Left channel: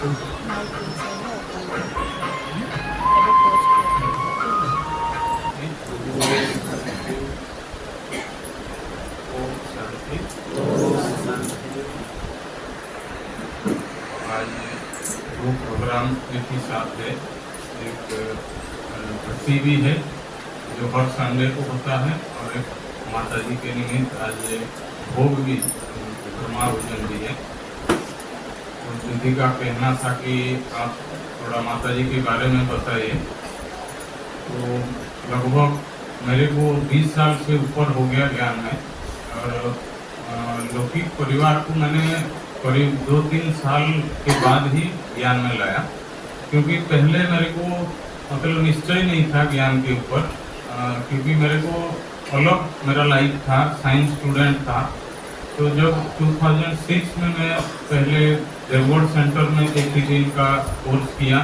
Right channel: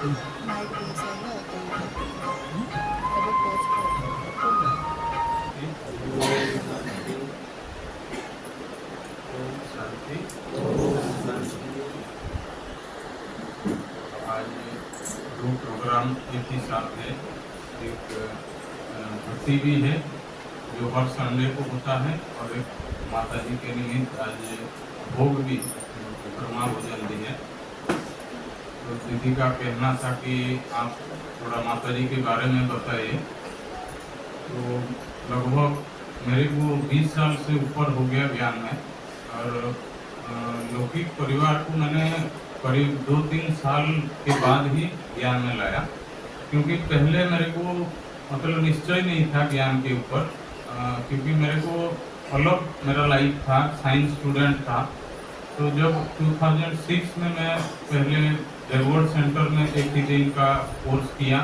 Programme एक ही साथ है। एक भट्टी भी है जो हर संडे को होता है और एक माता जी के निमित्त आज भोग भी, ब्रह्मा भोजन भी है। तो दीदी का कहना था कि आप थोड़ा माता जी के बारे में बताइए। तो लगभग मेरे को 20 साल से ऊपर हो गया ज्ञान में, और लौकिक परिवार को मैंने करीब 2-3 साल के बाद ही ज्ञान में लाया, क्योंकि पहले मेरे को मतलब निश्चय नहीं था ज्ञान के ऊपर, क्योंकि मेरे को अलग मेरा लाइफ था, साइंस स्टूडेंट था। तो जब 2006 में मैं पहले देवगढ़ सेंटर में एक ही दिन का कोर्स किया,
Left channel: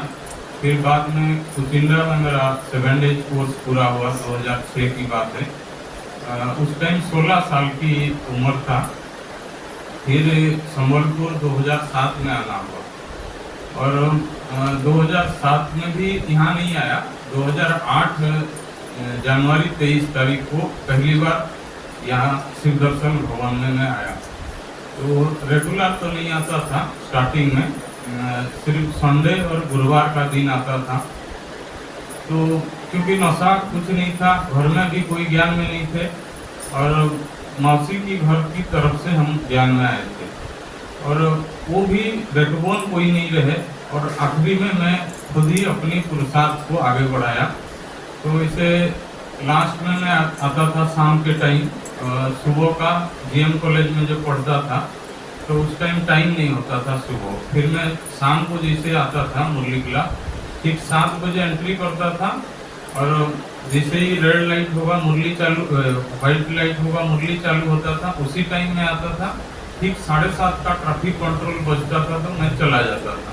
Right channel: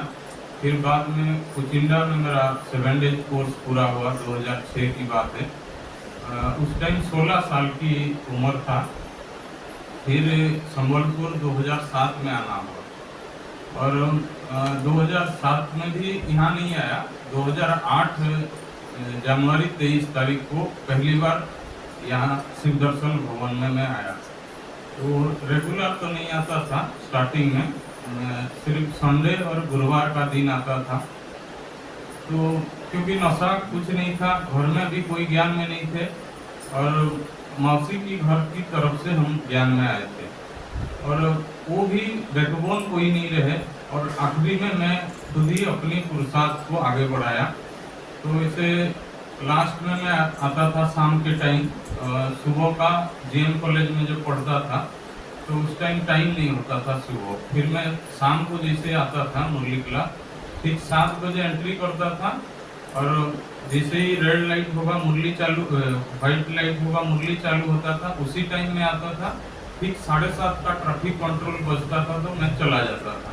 फिर बाद में कुचिंडा में मेरा 7 डेज कोर्स पूरा हुआ, 2006 की बात है। उस टाइम 16 साल की उम्र था। फिर संबलपुर 2007 में आना हुआ, और 2007 में भी यहाँ नहीं आया। 2008 जनवरी 23 तारीख को पहली बार यहाँ शिव दर्शन भवन में मैं आया। तो रेगुलर तो नहीं आता था स्टार्टिंग में, सिर्फ संडे और गुरुवार का दिन आता था। तो क्योंकि नशा कुछ नहीं था, घर में भी कोई ज्ञान में नहीं थे, और मौसी की घर की तरफ से हम ज्ञान में आए थे, और वो भी बैकबोन कोई नहीं रहे, और आखिरी में मैं खुद ही अपनी पुरुषार्थ को आगे बढ़ाया। तो इसे लास्ट में मैं आता था शाम के टाइम, सुबह का जीएम कॉलेज में जो पढ़ता था, तो उस टाइम टाइम नहीं होता था सुबह। फिर मैं शाम को जैसे आता था मुरली क्लास, ठीक 7 बजे एंट्री करता था, और जैसे ही रेड लाइट होगा मुरली चालू, व्हाइट लाइट होगा मुरली चालू होता था, उसी टाइम में आता था। ठीक 7:30 का ट्रैफिक कंट्रोल बजता था तो मैं चला जाता था।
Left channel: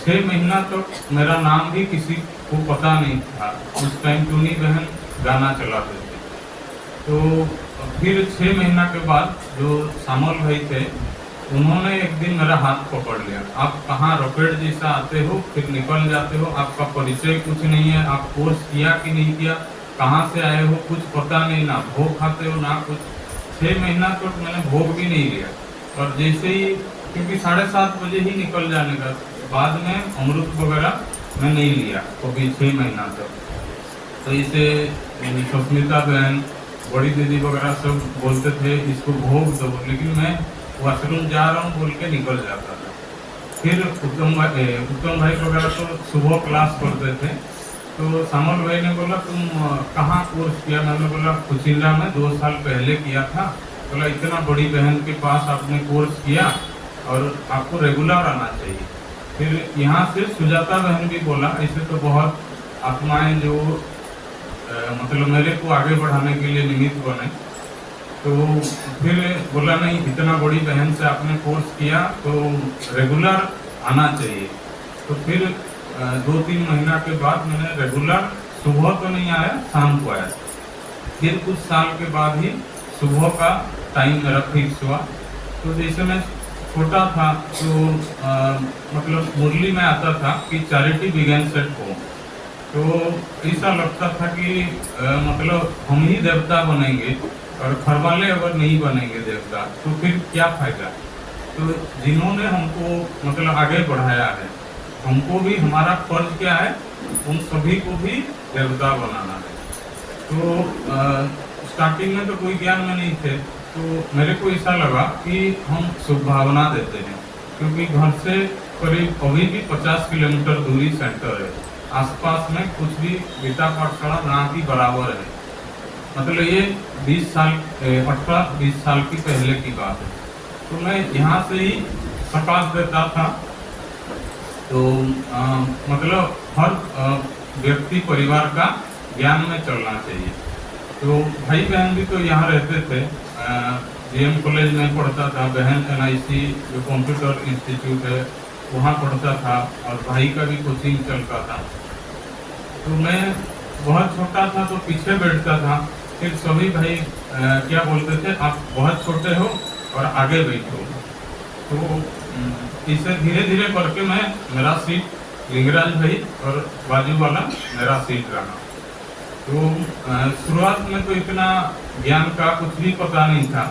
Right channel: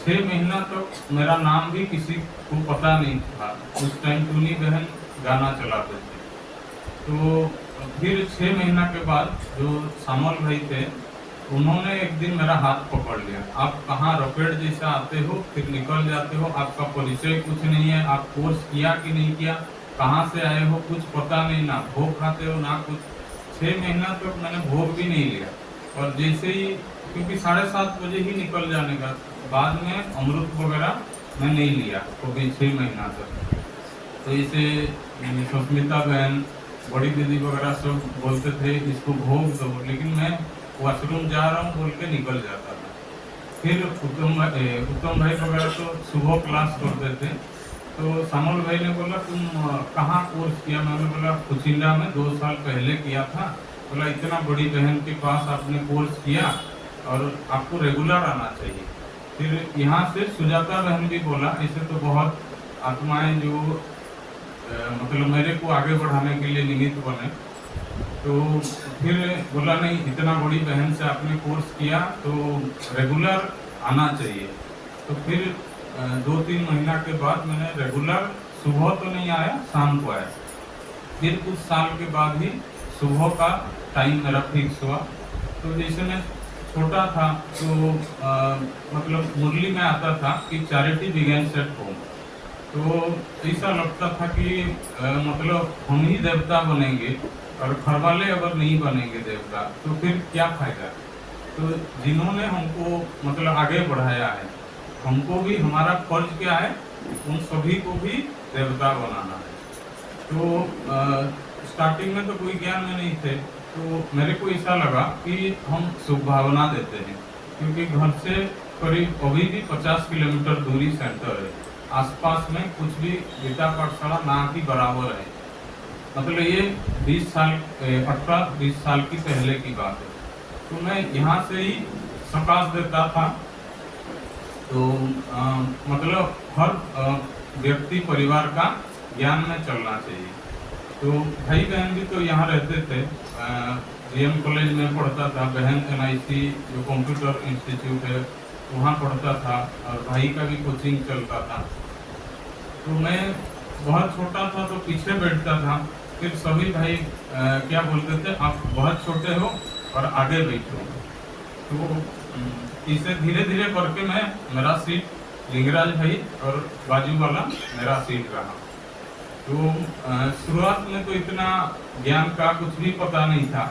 6 महीना तक मेरा नाम भी किसी को पता नहीं था। उस टाइम टूनी बहन गाना चलाते थे। तो फिर 6 महीना के बाद जो सामल भाई थे, उन्होंने एक दिन मेरा हाथ पकड़ लिया। आप कहाँ रॉकेट जैसा आते हो, फिर निकल जाते हो, आपका परिचय कुछ नहीं है, आप कोर्स किया कि नहीं किया, कहाँ से आए हो कुछ पता नहीं, ना भोग खाते हो ना कुछ। 6 महीना तक मैंने भोग भी नहीं लिया, और जैसे ही, क्योंकि 7:30 बजे ही निकल जाने का, बाद में अमृत वगैरह मैं नहीं लिया कभी 6 महीना तक। तो इसे सुष्मिता बहन, बड़ी दीदी वगैरह सब बोलते थे इसको भोग दो, लेकिन मैं वॉशरूम जा रहा हूँ बोल के निकल जाता था। फिर उत्तम भाई वगैरह तो सुबह क्लास करते थे, तो सामल भाई ने बोला तुम कहाँ कोर्स किया? मैंने बोला कुचिंडा में 2 साल पहले किया था। बोला इतना बड़ी बहन के पास आपने कोर्स किया और आपको रेगुलर आना चाहिए। फिर यहाँ से सुजाता बहन भी बोला, ऐसे तो बहुत आत्माएं जो मतलब मेरे को आगे बढ़ाने के लिए निमित्त बने। तो फिर बोला नहीं, इतना बड़ी बहन से आपने कोर्स किया तो रेगुलर आना चाहिए। तो फिर 2-3 महीना के बाद मैंने रेगुलर, सुबह तो नहीं आया, शाम को आया। फिर कुछ साल के बाद ही सुबह का टाइम मेरा फिक्स हुआ। तो जैसे मैं छोटा था तो मतलब मुरली में आता था कि चैरिटी बिगेन सेट हो, तो ऐसा लगता था कि मतलब हम ही देवता बनेंगे और घर वाले अगर नहीं बनेंगे देवता तो फिर क्या फायदा। तो जिन्होंने हमको मतलब आगे बढ़ाया है, हमको भी हमारा फर्ज क्या है, उन सभी को भी देवता बनाना है। तो स्टार्टिंग में तो कोई ज्ञान में नहीं थे, तो मेरे को ऐसा लगा कि हम शुभ भावना देते हैं, क्योंकि घर से करीब अभी भी 50 किलोमीटर दूरी सेंटर है, आसपास में कुछ भी गीता पाठशाला ना ही बराबर है। मतलब ये 18-20 साल की पहले की बात है। तो मैं यहाँ से ही प्रकाश देता था। तो मतलब हर व्यक्ति परिवार का ज्ञान में चलना चाहिए। तो भाई बहन भी तो यहाँ रहते थे, जीएम कॉलेज में पढ़ता था, बहन एनआईसी जो कंप्यूटर इंस्टीट्यूट है वहाँ पढ़ता था, और भाई का भी कोचिंग चलता था। तो मैं बहुत छोटा था तो पीछे बैठता था। फिर सभी भाई क्या बोलते थे, आप बहुत छोटे हो और आगे बैठो। तो इसे धीरे धीरे करके मेरा सीट लिंगराज भाई और बाजू वाला मेरा सीट रहा। तो शुरुआत में तो इतना ज्ञान का कुछ भी पता नहीं था।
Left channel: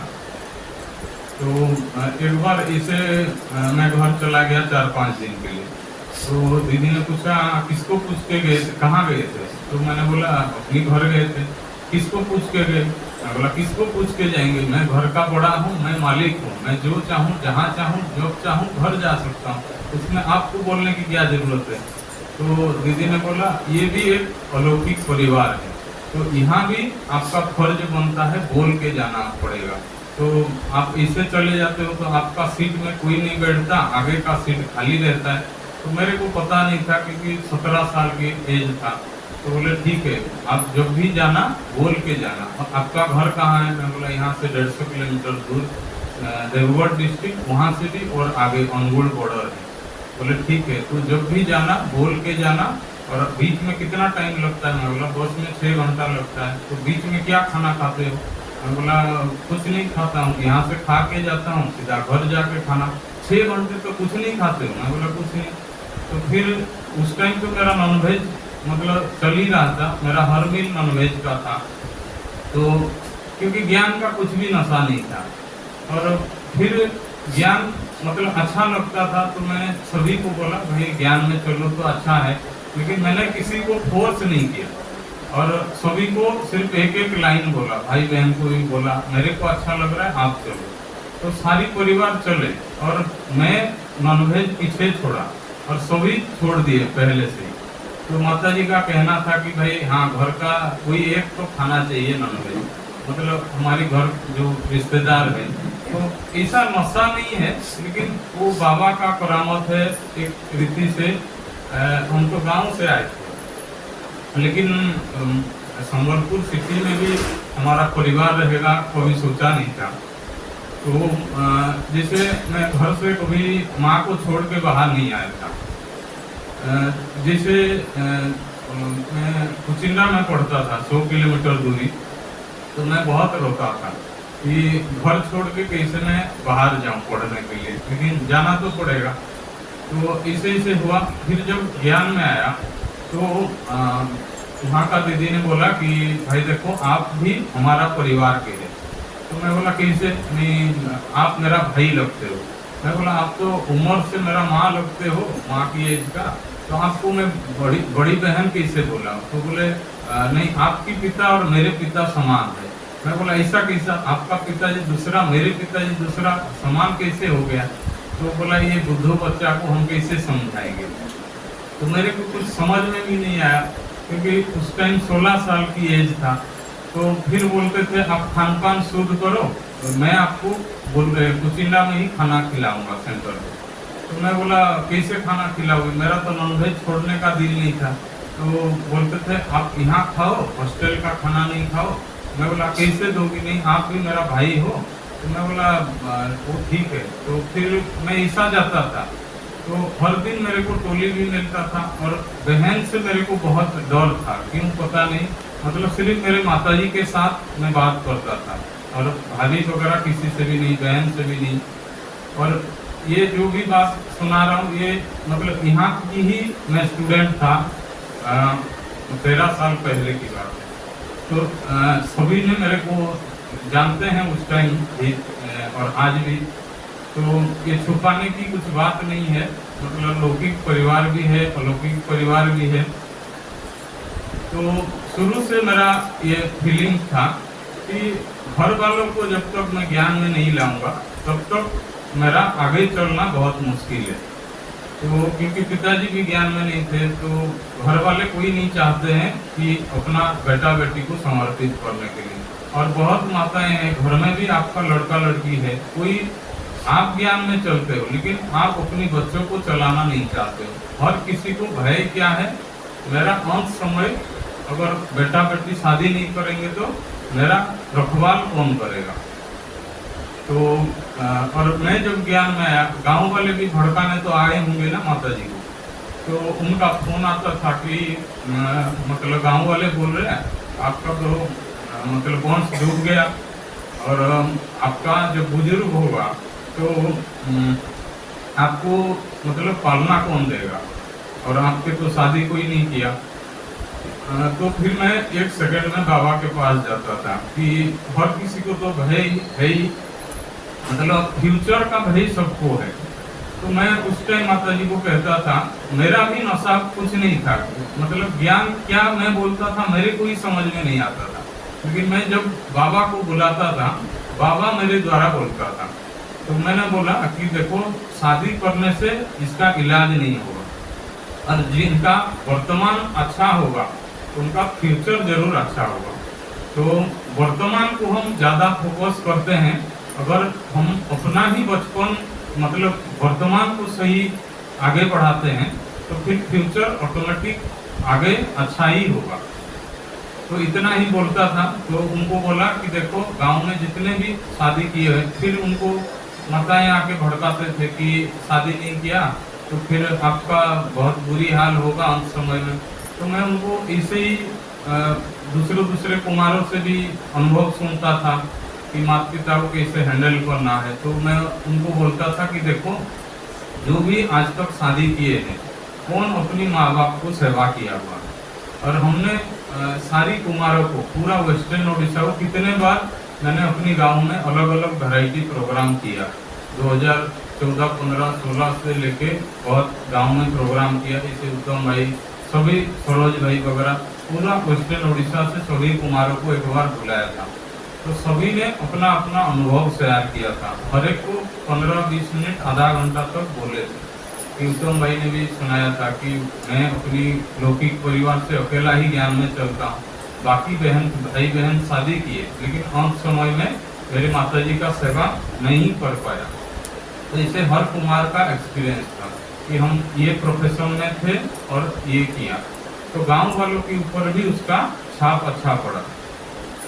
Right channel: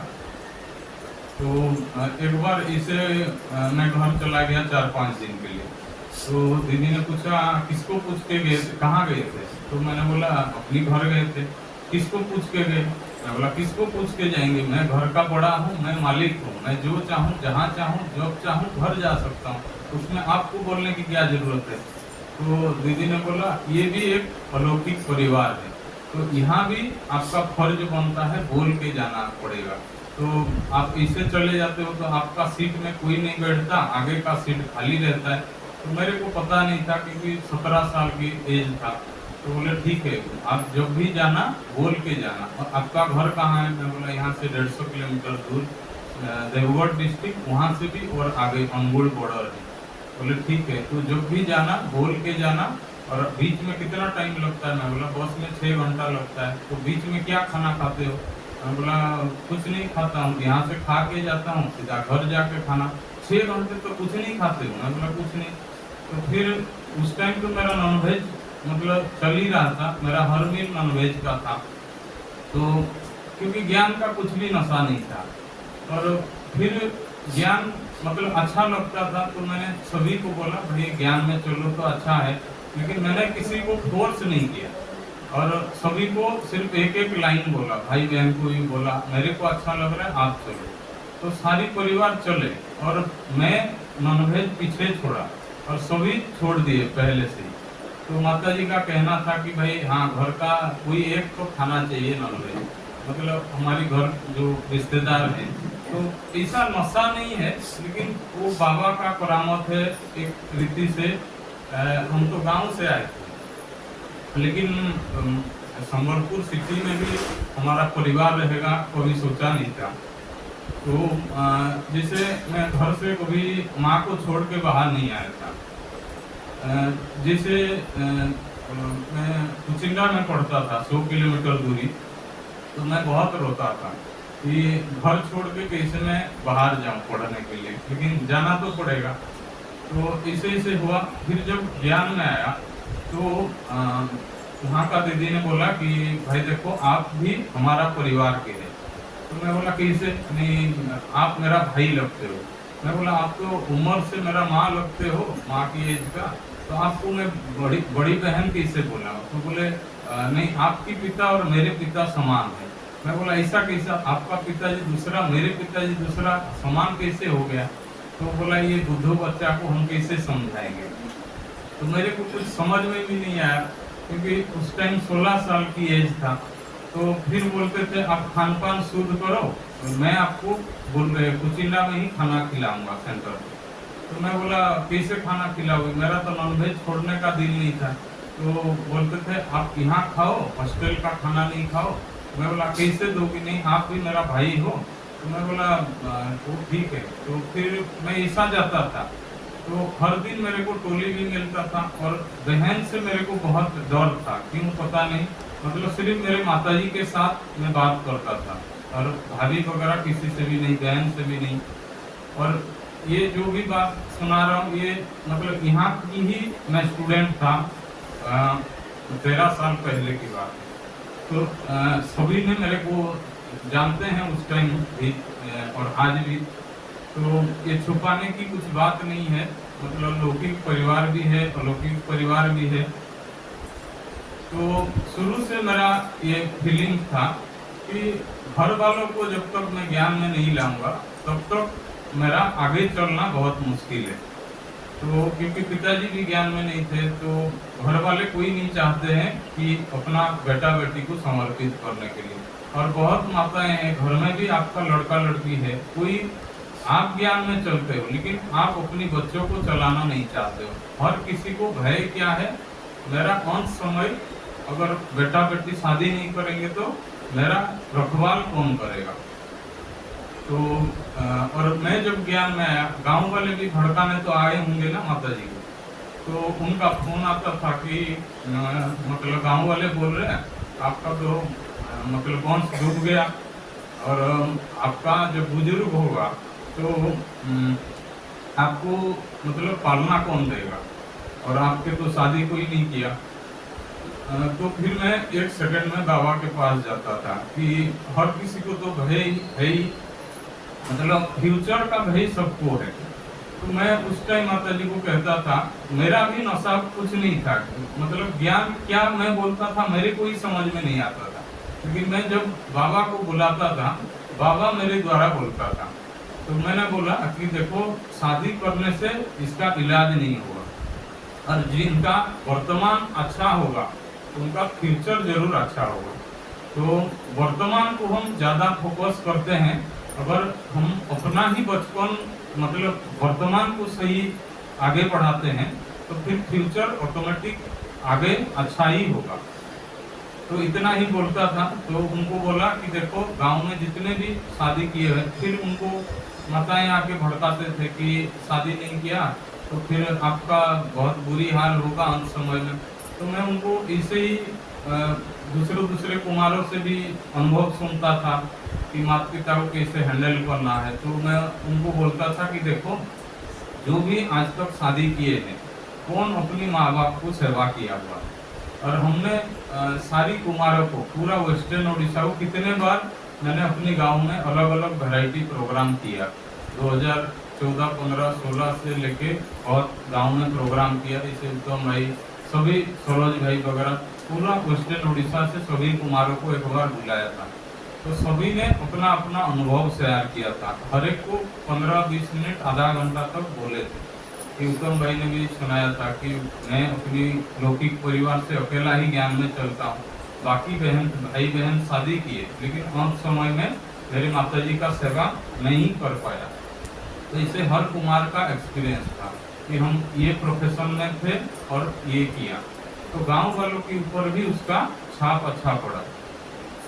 तो एक बार इसे मैं घर चला गया 4-5 दिन के लिए। तो दीदी ने पूछा किसको पूछ के गए थे, कहाँ गए थे? तो मैंने बोला अपनी घर गए थे। किसको पूछ के गए? मैं बोला किसको पूछ के जाएंगे, मैं घर का बड़ा हूँ, मैं मालिक हूँ, मैं जो चाहूँ जहाँ चाहूँ जब चाहूँ घर जा सकता हूँ, उसमें आपको बोलने की क्या जरूरत है? तो दीदी ने बोला ये भी एक अलौकिक परिवार है, तो यहाँ भी आपका फर्ज बनता है, बोल के जाना पड़ेगा। तो आप इसे चले जाते हो तो आपका सीट में कोई नहीं बैठता, आगे का सीट खाली रहता है। तो मेरे को पता नहीं था क्योंकि 17 साल की एज था। तो बोले ठीक है, आप जब भी जाना बोल के जाना। आपका घर कहाँ है? मैं बोला यहाँ से 150 किलोमीटर दूर देवगढ़ डिस्ट्रिक्ट, वहाँ से भी और आगे अनुगुल बॉर्डर है। बोले ठीक है, तो जब भी जाना बोल के जाना। और बीच में कितना टाइम लगता है? मैं बोला बस में 6 घंटा लगता है। तो बीच में क्या खाना खाते हो? मैं बोला कुछ नहीं खाता हूँ, यहाँ से खा के जाता हूँ, सीधा घर जाके खाना। 6 घंटे तो कुछ नहीं खाते हो? मैं बोला कुछ नहीं। तो फिर उस टाइम तो मेरा नॉनवेज मतलब चल ही रहा था, मेरा हर मील नॉनवेज का था। तो क्योंकि ज्ञान का कुछ भी नशा नहीं था और फिर ज्ञान मतलब अच्छा लगता था, तो मैं सभी को बोला भाई ज्ञान में चलो तो अच्छा है, लेकिन मैंने किसी को फोर्स नहीं किया और सभी को सिर्फ एक एक लाइन बोला, भाई बहन को भी बोला मेरे को अच्छा लग रहा है आप चलो। तो सारी परिवार चले और मैं नॉनवेज पीछे छोड़ा और सभी छोड़ दिए पहले से ही। तो माता जी का कहना था कि भाई हाँ घर का कोई एक तो खाना चाहिए नॉनवेज, मतलब हमारे घर जो रिश्तेदार है। तो ऐसा नशा नहीं है, लेकिन वो बाबा का करामत है एक रीति से। हम तो गांव से आए थे, लेकिन संबलपुर सिटी में भी हमारा परिवार रहेगा कभी सोचा नहीं था। तो जैसे मैं घर से कभी माँ को छोड़ के बाहर नहीं आया था। जैसे मैं कुचिंडा में पढ़ता था 100 किलोमीटर दूरी, तो मैं बहुत रोता था कि घर छोड़ के कैसे मैं बाहर जाऊं पढ़ने के लिए, लेकिन जाना तो पड़ेगा। तो ऐसे ऐसे हुआ। फिर जब ज्ञान में आया तो वहाँ का दीदी ने बोला कि भाई देखो आप भी हमारा परिवार के हैं। तो मैं बोला कैसे? नहीं आप मेरा भाई लगते हो। मैं बोला आप तो उम्र से मेरा माँ लगते हो, माँ की एज का, तो आपको मैं बड़ी बहन कैसे बोला? तो बोले नहीं आपकी पिता और मेरे पिता समान है। मैं बोला ऐसा कैसा? आपका पिताजी दूसरा मेरे पिताजी दूसरा, समान कैसे हो गया? तो बोला ये बुद्धू बच्चा को हम कैसे समझाएंगे? तो मेरे को कुछ समझ में भी नहीं आया क्योंकि उस टाइम 16 साल की एज था। तो फिर बोलते थे आप खान पान शुद्ध करो, तो मैं आपको कुचिंडा में ही खाना खिलाऊंगा सेंटर पे। तो मैं बोला कैसे खाना खिलाओगे? मेरा तो नॉनवेज छोड़ने का दिल नहीं था। तो बोलते थे आप यहाँ खाओ, हॉस्टल का खाना नहीं खाओ। मैं बोला कैसे दोगी? नहीं आप भी मेरा भाई हो। तो मैं बोला वो ठीक है। तो फिर मैं ऐसा जाता था। तो हर दिन मेरे को टोली भी मिलता था और बहन से मेरे को बहुत डर था, क्यों पता नहीं, मतलब सिर्फ मेरे माताजी के साथ मैं बात करता था और भाभी वगैरह किसी से भी नहीं, बहन से भी नहीं। और ये जो भी बात सुना रहा हूँ ये मतलब यहाँ की ही मैं स्टूडेंट था, 13 साल पहले की बात है। तो सभी ने मेरे को जानते हैं उस टाइम भी और आज भी। तो ये छुपाने की कुछ बात नहीं है, मतलब लौकिक परिवार भी है, अलौकिक परिवार भी है। तो शुरू से मेरा ये फीलिंग था कि घर वालों को जब तक मैं ज्ञान में नहीं लाऊंगा तब तक मेरा आगे चलना बहुत मुश्किल है। तो क्योंकि पिताजी भी ज्ञान में नहीं थे, तो घर वाले कोई नहीं चाहते हैं कि अपना बेटा बेटी को समर्पित करने के लिए। और बहुत माताएं हैं, घर में भी आपका लड़का लड़की है, कोई आप ज्ञान में चलते हो लेकिन आप अपनी बच्चों को चलाना नहीं चाहते हो। हर किसी को भय क्या है, मेरा अंत समय अगर बेटा बेटी शादी नहीं करेंगे तो मेरा रखवाल कौन करेगा। तो और मैं जब ज्ञान में आया, गांव वाले भी भड़काने तो आए होंगे ना माता जी को, तो उनका फोन आता था कि मतलब गांव वाले बोल रहे हैं आपका तो मतलब वंश डूब गया और आपका जो बुजुर्ग होगा तो आपको मतलब पालना कौन देगा, और आपके तो शादी कोई नहीं किया। तो फिर मैं एक सेकंड में बाबा के पास जाता था कि हर किसी को तो भय है ही, मतलब फ्यूचर का भय सबको है। तो मैं उस टाइम माता जी को कहता था, मेरा भी नशा कुछ नहीं था, मतलब ज्ञान क्या मैं बोलता था मेरे को ही समझ में नहीं आता था, लेकिन मैं जब बाबा को बुलाता था बाबा मेरे द्वारा बोलता था। तो मैंने बोला कि देखो, शादी करने से इसका इलाज नहीं होगा, और जिनका वर्तमान अच्छा होगा उनका फ्यूचर जरूर अच्छा होगा। तो वर्तमान को हम ज़्यादा फोकस करते हैं, अगर हम अपना ही बचपन मतलब वर्तमान को सही आगे बढ़ाते हैं तो फिर फ्यूचर ऑटोमेटिक आगे अच्छा ही होगा। तो इतना ही बोलता था। तो उनको बोला कि देखो, गांव में जितने भी शादी किए हैं, फिर उनको माताएं आके भड़काते थे कि शादी नहीं किया तो फिर आपका बहुत बुरी हाल होगा अंत समय में। तो मैं उनको ऐसे ही दूसरे कुमारों से भी अनुभव सुनता था कि माता पिता को कैसे हैंडल करना है। तो मैं उनको बोलता था कि देखो, जो भी आज तक शादी किए हैं, कौन अपनी माँ बाप को सेवा किया हुआ, और हमने सारी कुमारों को पूरा वेस्टर्न उड़ीसा को कितने बार मैंने अपनी गांव में अलग अलग वैरायटी प्रोग्राम किया। 2014, 15, 16 से लेके बहुत गांव में प्रोग्राम किया, जैसे उत्तम भाई, सभी सरोज भाई वगैरह, पूरा वेस्टर्न उड़ीसा से सभी कुमारों को एक बार बुलाया था। तो सभी ने अपना अपना अनुभव शेयर किया था, हर एक को 15-20 मिनट आधा घंटा तक बोले थे। कि उत्तम भाई ने भी सुनाया था कि मैं अपनी लौकिक परिवार से अकेला ही ज्ञान में चलता हूँ, बाकी भाई बहन शादी किए, लेकिन अंत समय में मेरे माता जी का सेवा नहीं कर पाया। तो इसे हर कुमार का एक्सपीरियंस था कि हम ये प्रोफेशन में थे और ये किया, तो गांव वालों के ऊपर भी उसका छाप अच्छा पड़ा।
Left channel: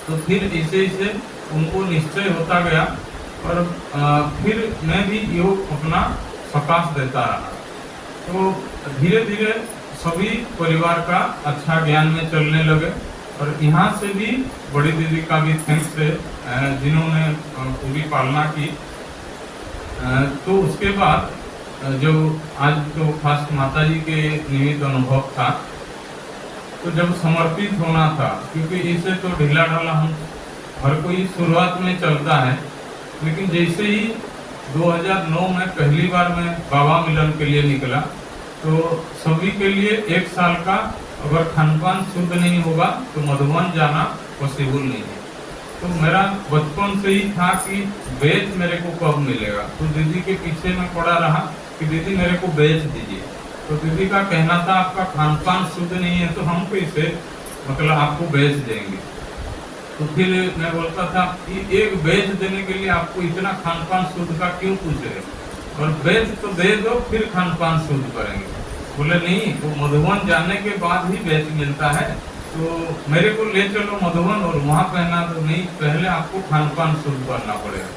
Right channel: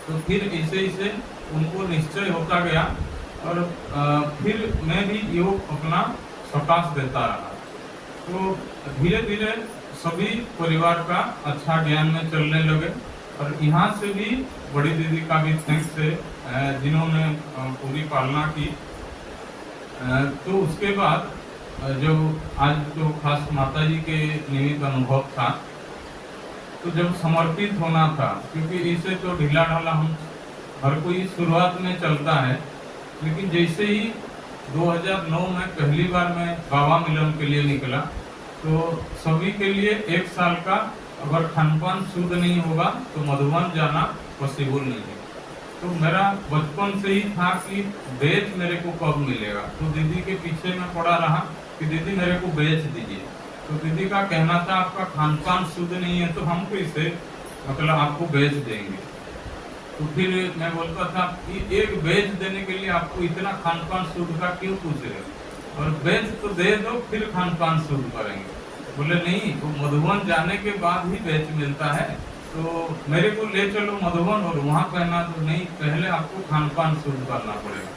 तो फिर ऐसे उनको निश्चय होता गया, और फिर मैं भी योग अपना प्रकाश देता रहा। तो धीरे धीरे सभी परिवार का अच्छा ज्ञान में चलने लगे, और यहाँ से भी बड़ी दीदी का भी थैंक्स है जिन्होंने पूरी पालना की। तो उसके बाद जो आज तो खास माता जी के निमित्त अनुभव था, तो जब समर्पित होना था, क्योंकि इसे तो ढीला ढाला हम हर कोई शुरुआत में चलता है, लेकिन जैसे ही 2009 में पहली बार मैं बाबा मिलन के लिए निकला, तो सभी के लिए 1 साल का अगर खानपान शुद्ध नहीं होगा तो मधुबन जाना पॉसिबल नहीं है। तो मेरा बचपन से ही था कि बेच मेरे को कब मिलेगा, तो दीदी के पीछे मैं पड़ा रहा कि दीदी मेरे को बेच दीजिए। तो दीदी का कहना था आपका खानपान शुद्ध नहीं है तो हम कैसे मतलब आपको बेच देंगे। तो फिर मैं बोलता था कि एक बेच देने के लिए आपको इतना खानपान शुद्ध का क्यों पूछ रहे, और बेच तो दे दो फिर खानपान शुद्ध करेंगे। बोले नहीं, वो मधुबन जाने के बाद ही बेच मिलता है, तो मेरे को ले चलो मधुबन और वहाँ कहना तो नहीं, पहले आपको खानपान शुद्ध करना पड़ेगा।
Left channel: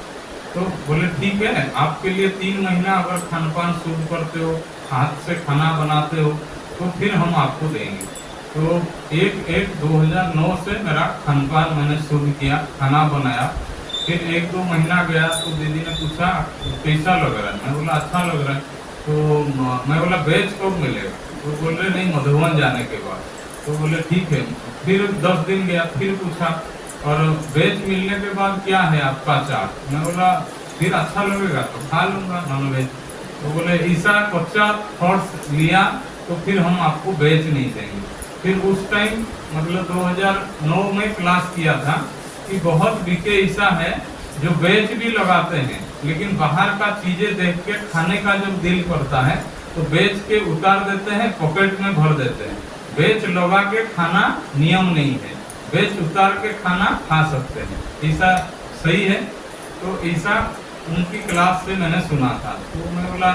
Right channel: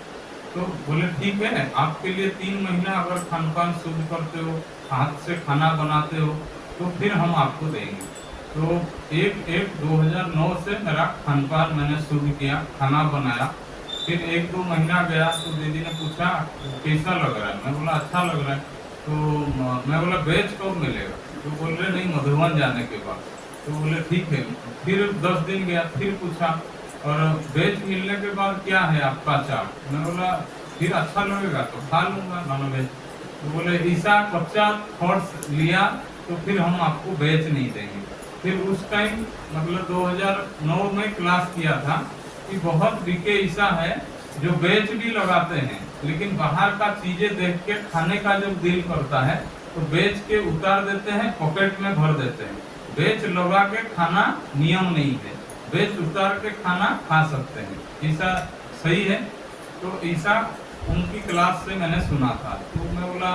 तो बोले ठीक है, आपके लिए 3 महीना अगर खानपान शुद्ध करते हो, हाथ से खाना बनाते हो, तो फिर हम आपको देंगे। तो 1/1/2009 से मेरा खानपान मैंने शुरू किया, खाना बनाया। फिर 1-2 महीना गया तो दीदी ने पूछा कैसा लग रहा है, मैं बोला अच्छा लग रहा है। तो मैं बोला बेच कब मिलेगा, तो बोल रहे नहीं मधुबन जाने के बाद। तो बोले ठीक है। फिर 10 दिन गया, फिर पूछा और वेज मिलने के बाद क्या है आपका चार्ट, मैं बोला फिर अच्छा लगेगा तो खा लूँगा नॉन वेज। तो बोले ऐसा कच्चा थॉट्स लिया तो फिर हम आपको वेज नहीं देंगे। फिर उस टाइम मतलब 2009 में क्लास किया था कि बहुत बीके ऐसा है जो वेज भी लगाते हैं, लेकिन बाहर का चीजें देख के खाने का जब दिल करता है तो बेच के उतार देते हैं, पॉकेट में भर देते हैं। बेच लगा के खाना नियम नहीं है, बेच उतार के खाना खा सकते हैं, ऐसा सही है। तो ऐसा उनकी क्लास से मैंने सुना था। तो मैं बोला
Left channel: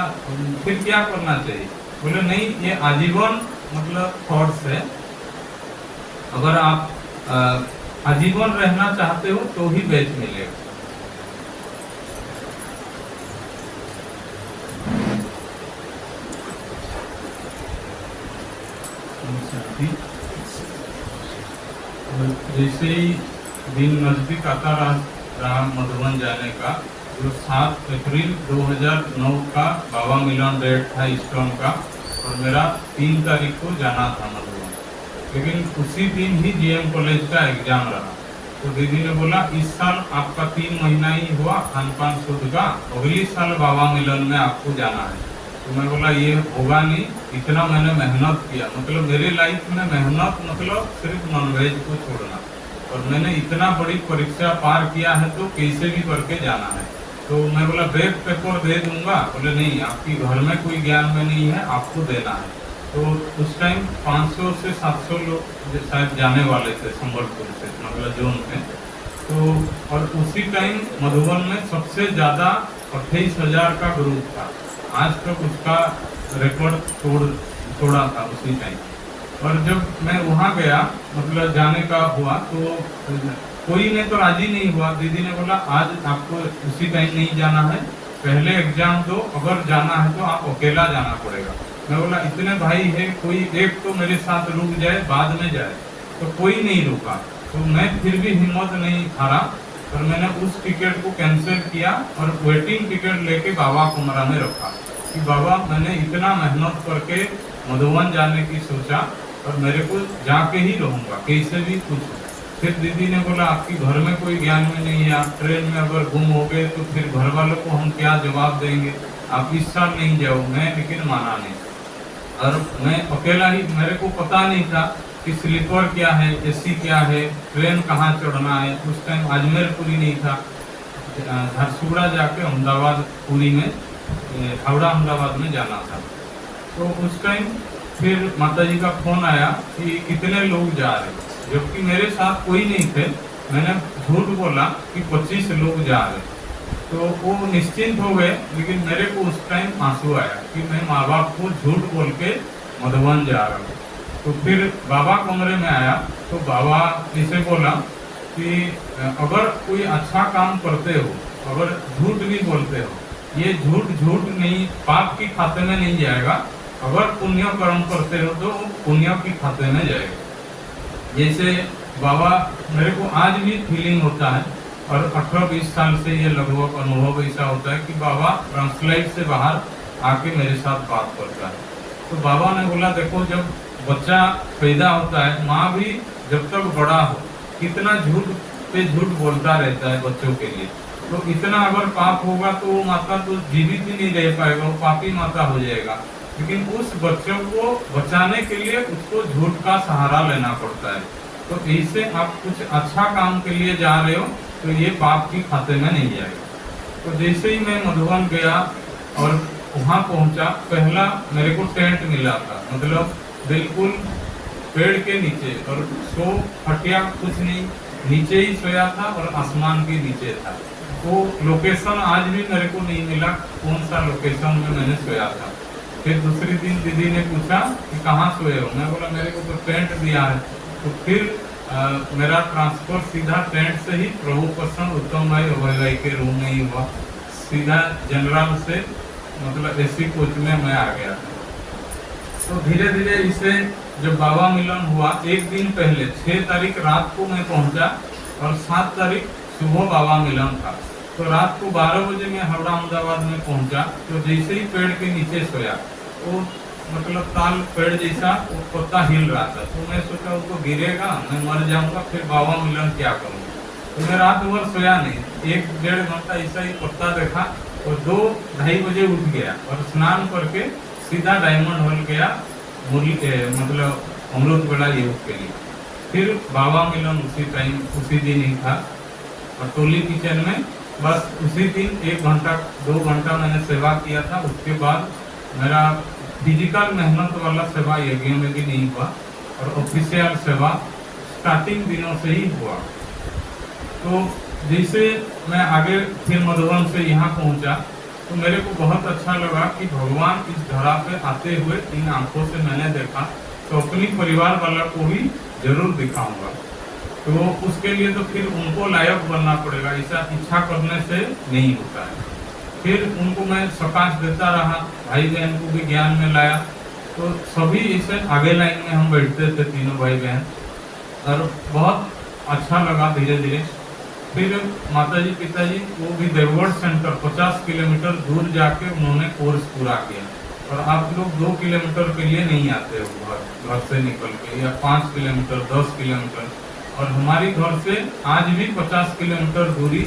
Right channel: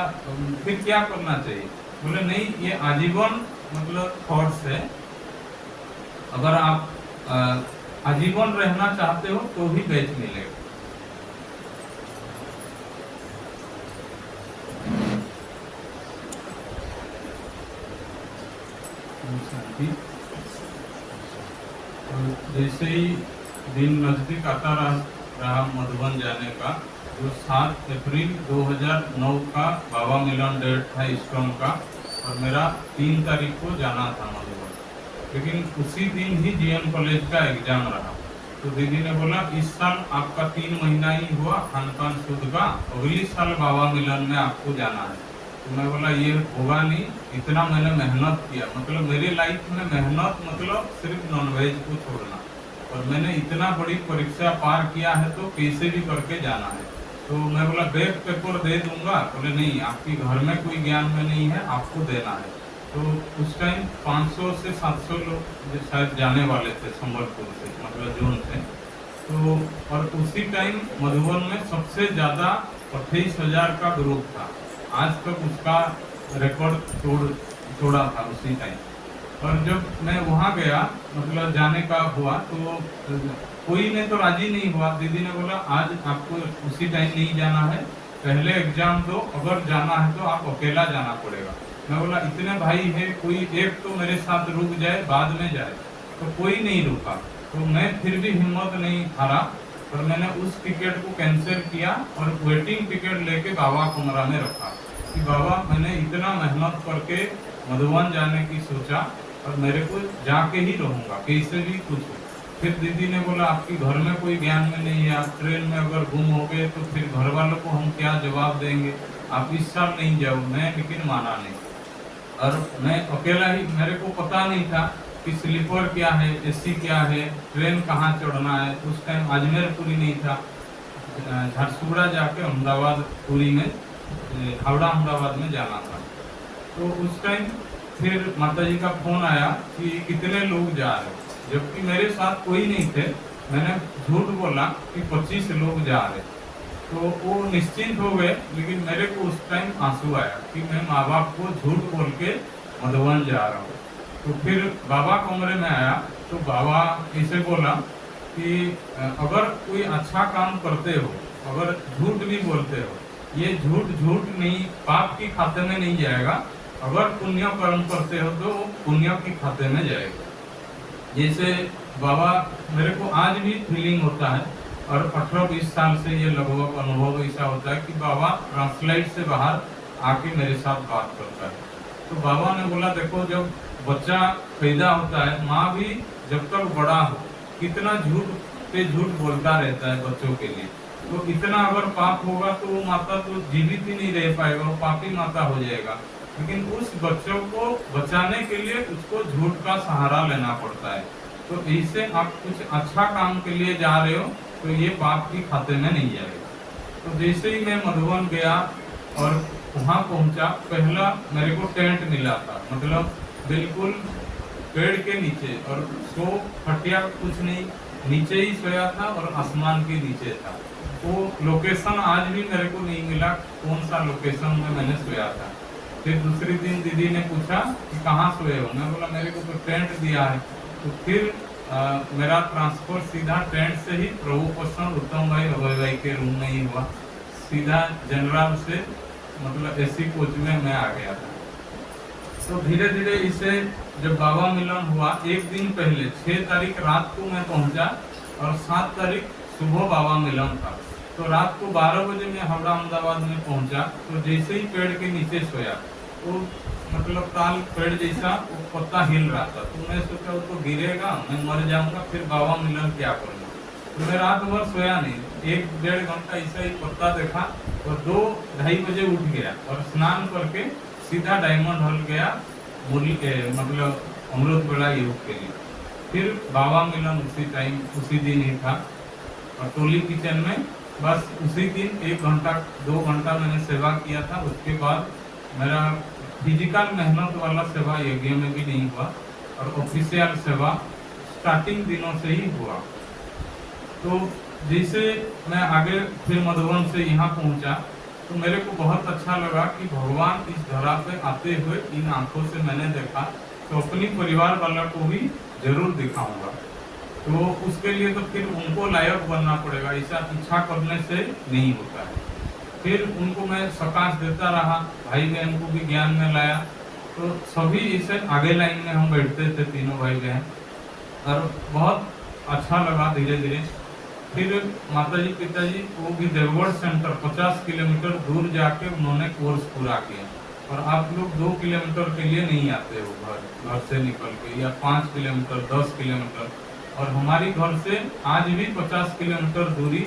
फिर क्या करना चाहिए, बोले नहीं ये आजीवन मतलब थॉट्स है, अगर आप आजीवन रहना चाहते हो तो ही बेच मिलेगा। जैसे ही दिन नजदीक आता रहा मधुबन जाने का, जो 7 अप्रैल 2009 का बाबा मिलन डेट था स्टोन का, और मेरा 3 तारीख को जाना था मधुबन। लेकिन उसी दिन ही जीएम कॉलेज का एग्जाम रहा, तो दीदी ने बोला इस साल आपका 3 महीना ही हुआ खान पान शुद्ध का, अगली साल बाबा मिलन में आपको जाना है। तो मैं बोला ये होगा नहीं, इतना मैंने मेहनत किया, मतलब मेरे लाइफ में मेहनत मतलब सिर्फ नॉनवेज को छोड़ना, और मैंने इतना बड़ी परीक्षा पार किया है तो कैसे भी करके जाना है। तो मैं बोला बैक पेपर दे दूंगा, बोले नहीं आपकी घर में कोई ज्ञान में नहीं है, आपको देना है। तो उस टाइम 500 से 700 लोग शायद जाने वाले थे संबलपुर से, मतलब जोन से। तो और उसी टाइम मधुबन में सबसे ज़्यादा 28,000 का ग्रुप था, आज तक उसका रिकॉर्ड तोड़ा था उसी टाइम। और जब मैं वहाँ गया, मतलब जाने का हुआ, तो कोई ने तो राजी नहीं हुआ। दीदी ने बोला आज आपको उसी टाइम नहीं जाना है, पहले एग्जाम दो, अगर जाना है तो आप अकेला जाना पड़ेगा। मैं बोला इतने भाई है, कोई एक तो मेरे साथ रुक जाए, बाद में जाए, तो कोई नहीं रुका। तो मैं फिर भी हिम्मत नहीं हारा, और मैंने उस टिकट को कैंसिल किया और वेटिंग टिकट लेके बाबा कमरा में रखा कि बाबा मैंने इतना मेहनत करके मधुबन जाने की सोचा, और मेरे को जाके ही रहूँगा कैसे भी कुछ। फिर दीदी ने बोला आपकी घर में कोई ज्ञान में नहीं है, आप ट्रेन में अगर गुम हो गए तो फिर घर वालों को हम क्या जवाब देंगे, आप इस साल नहीं जाओ। मैं लेकिन माना नहीं, और मैं अकेला ही, मेरे को पता नहीं था कि स्लीपर क्या है, एसी क्या है, ट्रेन कहाँ चढ़ना है। उस टाइम अजमेर पुरी नहीं था, झारसुगड़ा जाके अहमदाबाद पुरी में, हावड़ा अहमदाबाद में जाना था। तो उस टाइम फिर माता जी का फोन आया कि कितने लोग जा रहे, जबकि मेरे साथ कोई नहीं थे। मैंने झूठ बोला कि 25 लोग जा रहे, तो वो निश्चिंत हो गए। लेकिन मेरे को उस टाइम आंसू आया कि मैं माँ बाप को झूठ बोल के मधुबन जा रहा हूँ। तो फिर बाबा कमरे में आया, तो बाबा इसे बोला कि अगर कोई अच्छा काम करते हो, अगर झूठ भी बोलते हो, ये झूठ नहीं, पाप की खाते में नहीं जाएगा, अगर पुण्य कर्म करते हो तो पुण्य की खाते में जाएगा। जैसे बाबा, मेरे को आज भी फीलिंग होता है, और 18-20 साल से ये लगभग अनुभव ऐसा होता है कि बाबा ट्रांसलाइट से बाहर आके मेरे साथ बात करता है। तो बाबा ने बोला देखो, जब बच्चा पैदा होता है, माँ भी जब तक बड़ा हो कितना झूठ पे झूठ बोलता रहता है बच्चों के लिए, तो इतना अगर पाप होगा तो वो माता तो जीवित ही नहीं रह पाएगा, वो पापी माता हो जाएगा। लेकिन उस बच्चों को बचाने के लिए उसको झूठ का सहारा लेना पड़ता है। तो इससे आप कुछ अच्छा काम के लिए जा रहे हो तो ये पाप की खाते में नहीं जाएगा। तो जैसे ही मैं मधुबन गया और वहाँ पहुँचा, पहला मेरे को टेंट मिला था, मतलब बिल्कुल पेड़ के नीचे, और सो हटिया कुछ नहीं, नीचे ही सोया था और आसमान के नीचे था। वो लोकेशन आज भी मेरे को नहीं मिला, कौन सा लोकेशन में मैंने सोया था। फिर दूसरी दिन दीदी ने पूछा कि कहाँ सोए हो, मैं बोला मेरे को तो टेंट दिया है। तो फिर मेरा ट्रांसफर सीधा टेंट से ही प्रभु प्रसन्न उत्तम भाई अभय भाई के रूम में ही हुआ, सीधा जनरल से, मतलब एसी कोच में मैं आ गया था। तो धीरे धीरे इसे जब बाबा मिलन हुआ, एक दिन पहले 6 तारीख रात को मैं पहुंचा, और 7 तारीख सुबह बाबा मिलन था। तो रात को 12 बजे मैं हावड़ा अहमदाबाद में पहुंचा। तो जैसे ही पेड़ के नीचे सोया, वो मतलब ताल पेड़ जैसा वो पत्ता हिल रहा था, तो मैं सोचा उसको गिरेगा, मैं मर जाऊंगा, फिर बाबा मिलन क्या करूँगा। तो मैं रात भर सोया नहीं, 1-1.5 घंटा ऐसा ही पत्ता देखा, और 2-2:30 बजे उठ गया और स्नान करके सीधा डायमंड हॉल गया, मुरली मतलब अमृत वेला योग के लिए। फिर बाबा मिलन उसी टाइम उसी दिन ही था, और टोली किचन में बस उसी दिन 1 घंटा 2 घंटा मैंने सेवा किया था। उसके बाद मेरा फिजिकल मेहनत वाला सेवा यज्ञ में भी नहीं हुआ, और ऑफिशियल सेवा स्टार्टिंग दिनों से ही हुआ। तो जैसे मैं आगे फिर मधुबन से यहाँ पहुँचा, तो मेरे को बहुत अच्छा लगा कि भगवान इस धरा पे आते हुए इन आंखों से मैंने देखा, तो अपनी परिवार वाला को भी जरूर दिखाऊंगा। तो उसके लिए तो फिर उनको लायक बनना पड़ेगा, ऐसा इच्छा करने से नहीं होता है। फिर उनको मैं सकाश देता रहा, भाई बहन को भी ज्ञान में लाया। तो सभी इसे आगे लाइन में हम बैठते थे, तीनों भाई बहन, और बहुत अच्छा लगा धीरे धीरे। फिर माताजी पिताजी वो भी देवगढ़ सेंटर 50 किलोमीटर दूर जाके उन्होंने कोर्स पूरा किया। और आप लोग 2 किलोमीटर के लिए नहीं आते हो घर से निकल के, या 5 किलोमीटर 10 किलोमीटर। और हमारी घर से आज भी 50 किलोमीटर दूरी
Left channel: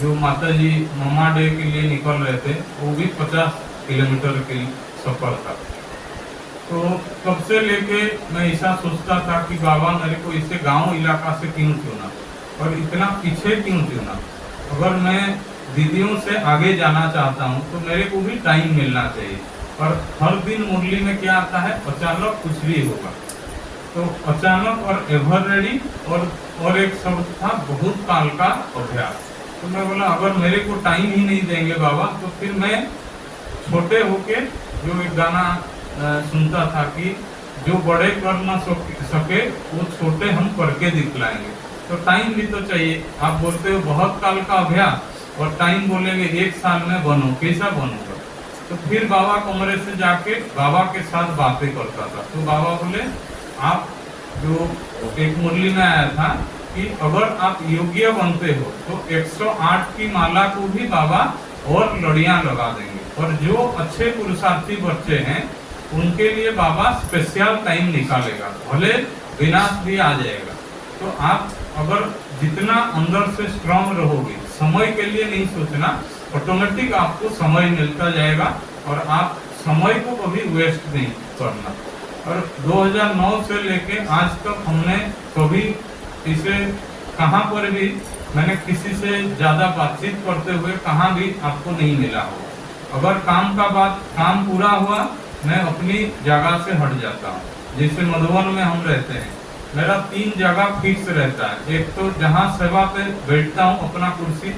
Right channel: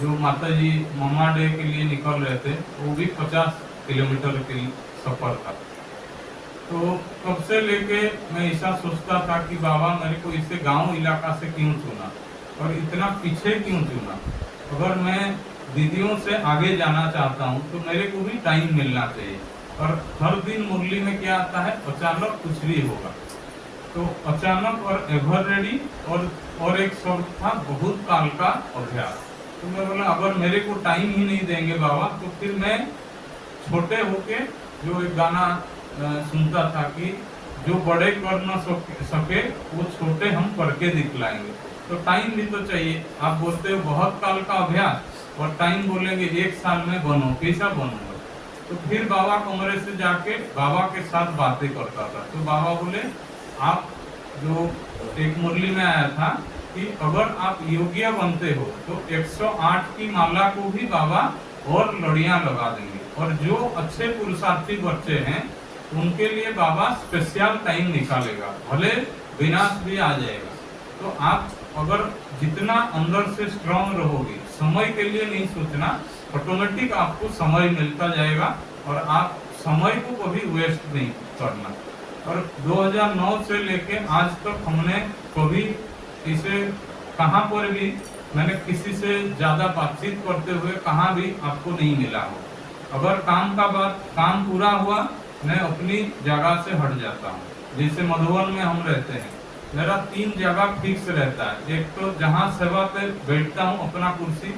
जो माताजी ममा डे के लिए निकल रहे थे, वो भी 50 किलोमीटर के सफर था। तो तब से लेके मैं ऐसा सोचता था कि बाबा मेरे को इसे गांव इलाका से क्यों चुना और इतना पीछे क्यों चुना। अगर मैं दीदियों से आगे जाना चाहता हूँ तो मेरे को भी टाइम मिलना चाहिए। और हर दिन मुरली में क्या आता है, अचानक कुछ भी होगा। तो अचानक और एवर रेडी और एक शब्द था बहुत काल का अभ्यास। तो मैं बोला अगर मेरे को टाइम ही नहीं देंगे बाबा तो फिर मैं छोटे होके जो एक गाना सुनता था कि जो बड़े कर ना सके वो छोटे हम करके दिखलाएंगे। तो टाइम भी तो चाहिए। आप बोलते हो बहुत काल का अभ्यास और टाइम बोलेंगे 1 साल में बनो, कैसा बनूंगा। तो फिर बाबा कमरे से जाके बाबा के साथ बातें करता था। तो बाबा बोले आप जो एक मुरली में आया था कि अगर आप योग्य बनते हो तो 108 की माला को भी बाबा और लड़ियां लगा देंगे। और जो अच्छे पुरुषार्थी बच्चे हैं उनके लिए बाबा स्पेशल टाइम निकालेगा, भले विनाश भी आ जाएगा। तो आप अगर जितना अंदर से स्ट्रांग रहोगे, समय के लिए नहीं सोचना, ऑटोमेटिक आपको समय मिलता जाएगा और आप समय को कभी वेस्ट नहीं करना। और 2009 से लेके आज तक हमने कभी इसे कहाँ पर भी मैंने किसी से ज्यादा बातचीत करते हुए कहाँ भी आपको नहीं मिला हो। अगर काम पूरा हुआ मैं अपनी जगह से हट जाता हूँ। जैसे मधुबन में हम रहते हैं, मेरा 3 जगह फिक्स रहता है। एक तो जहाँ सेवा पे बैठता हूँ अपना कुर्सी,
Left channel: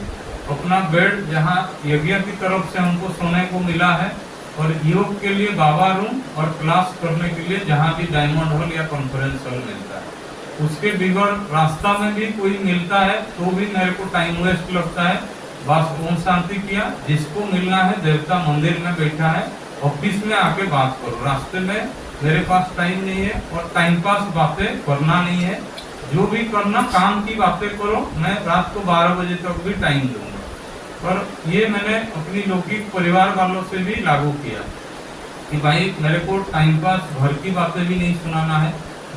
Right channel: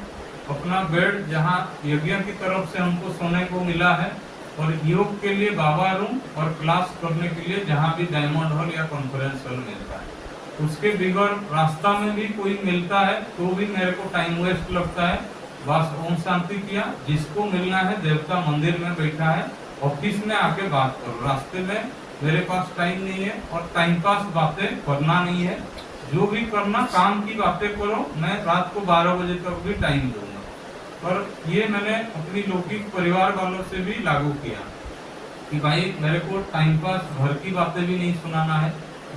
अपना बेड जहाँ यज्ञ की तरफ से हमको सोने को मिला है, और योग के लिए बाबा रूम, और क्लास करने के लिए जहाँ भी डायमंड हॉल या कॉन्फ्रेंस हॉल मिलता है। उसके बिगड़ रास्ता में भी कोई मिलता है तो भी मेरे को टाइम वेस्ट लगता है। बस ओम शांति किया, जिसको मिलना है देवता मंदिर में बैठा है, ऑफिस में आके बात करो। रास्ते में मेरे पास टाइम नहीं है और टाइम पास बातें करना नहीं है। जो भी करना काम की बातें करो। मैं रात को 12 बजे तक भी टाइम दूंगा। और ये मैंने अपनी लौकिक परिवार वालों से भी लागू किया कि भाई मेरे को टाइम पास घर की बातें भी नहीं सुनाना है,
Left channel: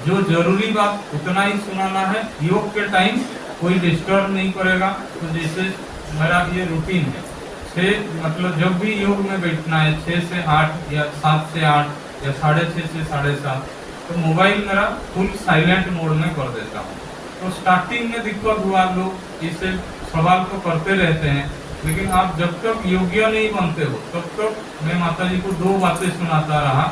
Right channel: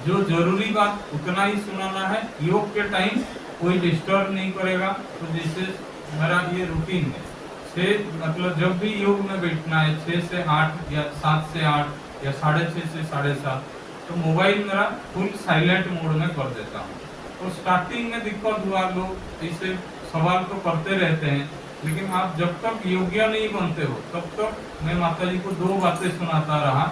जो जरूरी बात उतना ही सुनाना है। योग के टाइम कोई डिस्टर्ब नहीं करेगा। तो जैसे मेरा ये रूटीन है, 6 मतलब जब भी योग में बैठना है 6 से 8 या 7 से 8 या 6:30 से 7:30, तो मोबाइल मेरा फुल साइलेंट मोड में कर देता हूँ। तो स्टार्टिंग में दिक्कत हुआ, लोग इससे सवाल तो करते रहते हैं, लेकिन आप जब तक योग्य नहीं बनते हो तब तक मैं माताजी को 2 बातें सुनाता रहा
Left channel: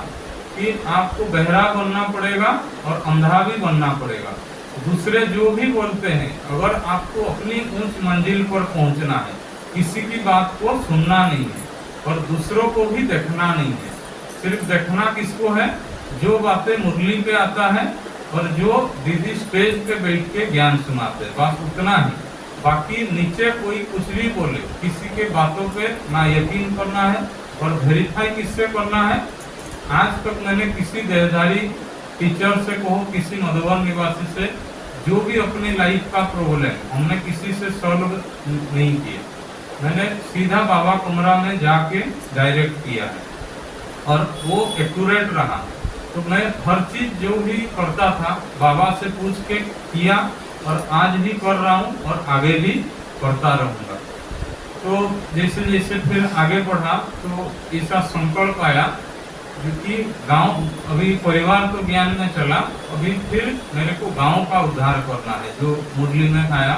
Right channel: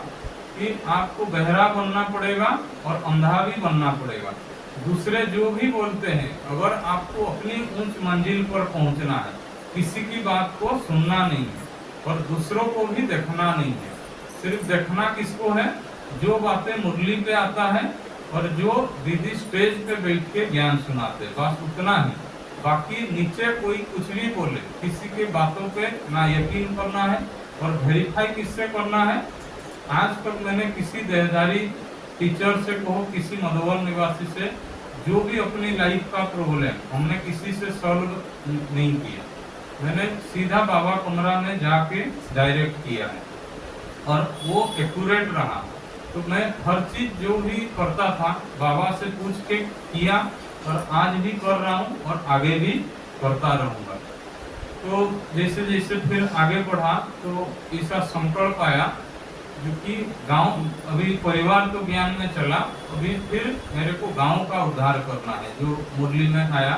कि आपको बहरा बनना पड़ेगा और अंधा भी बनना पड़ेगा। दूसरे जो भी बोलते हैं, अगर आपको अपनी ऊंच मंजिल पर पहुंचना है, किसी की बात को सुनना नहीं है और दूसरों को भी देखना नहीं है। सिर्फ देखना किसको है, जो बातें मुरली पे आता है और जो दीदी स्टेज पे बैठ के ज्ञान सुनाते हैं, बस उतना ही। बाकी नीचे कोई कुछ भी बोले, किसी के बातों पे ना यकीन करना है। और वेरीफाई किससे करना है, आज तक मैंने किसी देहधारी टीचर से कहो, किसी मधुबन निवासी से, जो भी अपनी लाइफ का प्रॉब्लम हमने किसी से सॉल्व नहीं किया, मैंने सीधा बाबा कमरा में जाके डायरेक्ट किया है और वो एक्यूरेट रहा। तो मैं हर चीज जो भी करता था बाबा से पूछ के किया और आज भी कर रहा हूँ और आगे भी करता रहूँगा। तो जैसे जैसे फिर आगे बढ़ा तो ऐसा संकल्प आया, क्योंकि गांव अभी परिवार तो ज्ञान में चला, अभी फिर मेरे को गांव का उद्धार करना है। जो मुरली में आया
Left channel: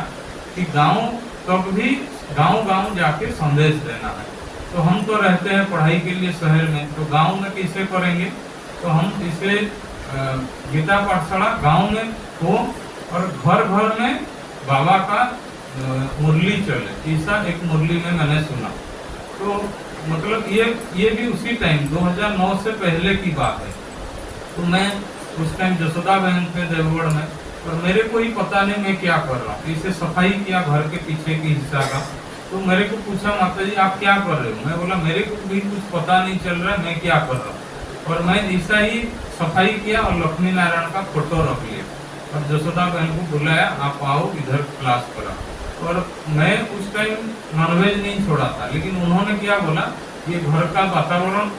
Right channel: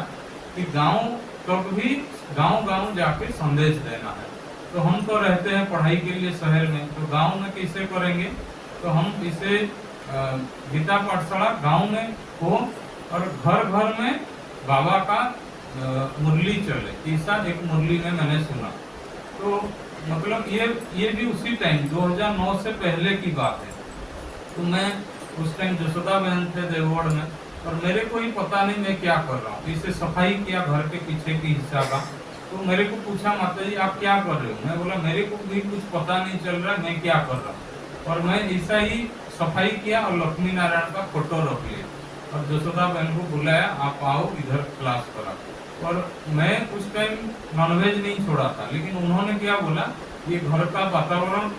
कि गांव तब भी गांव जाके संदेश देना है। तो हम तो रहते हैं पढ़ाई के लिए शहर में, तो गांव में कैसे करेंगे। तो हम इसे गीता पाठशाला गांव में हो और घर घर में बाबा का मुरली चले, ऐसा एक मुरली में मैंने सुना। तो मतलब ये भी उसी टाइम 2009 से पहले की बात है। तो मैं उस टाइम जसोदा बहन पे देवगढ़ में, और मेरे को ही पता नहीं मैं क्या कर रहा हूँ। इसे सफाई किया घर के पीछे की हिस्सा का। तो मेरे को पूछा माता जी आप क्या कर रहे हो। मैं बोला मेरे को भी कुछ पता नहीं चल रहा है मैं क्या कर रहा हूँ। और मैं ऐसा ही सफाई किया और लक्ष्मी नारायण का फोटो रख लिया और जसोदा बहन को बुलाया, आप आओ इधर क्लास करा। और मैं उस टाइम नॉनवेज नहीं छोड़ा था, लेकिन उन्होंने क्या बोला, ये घर का वातावरण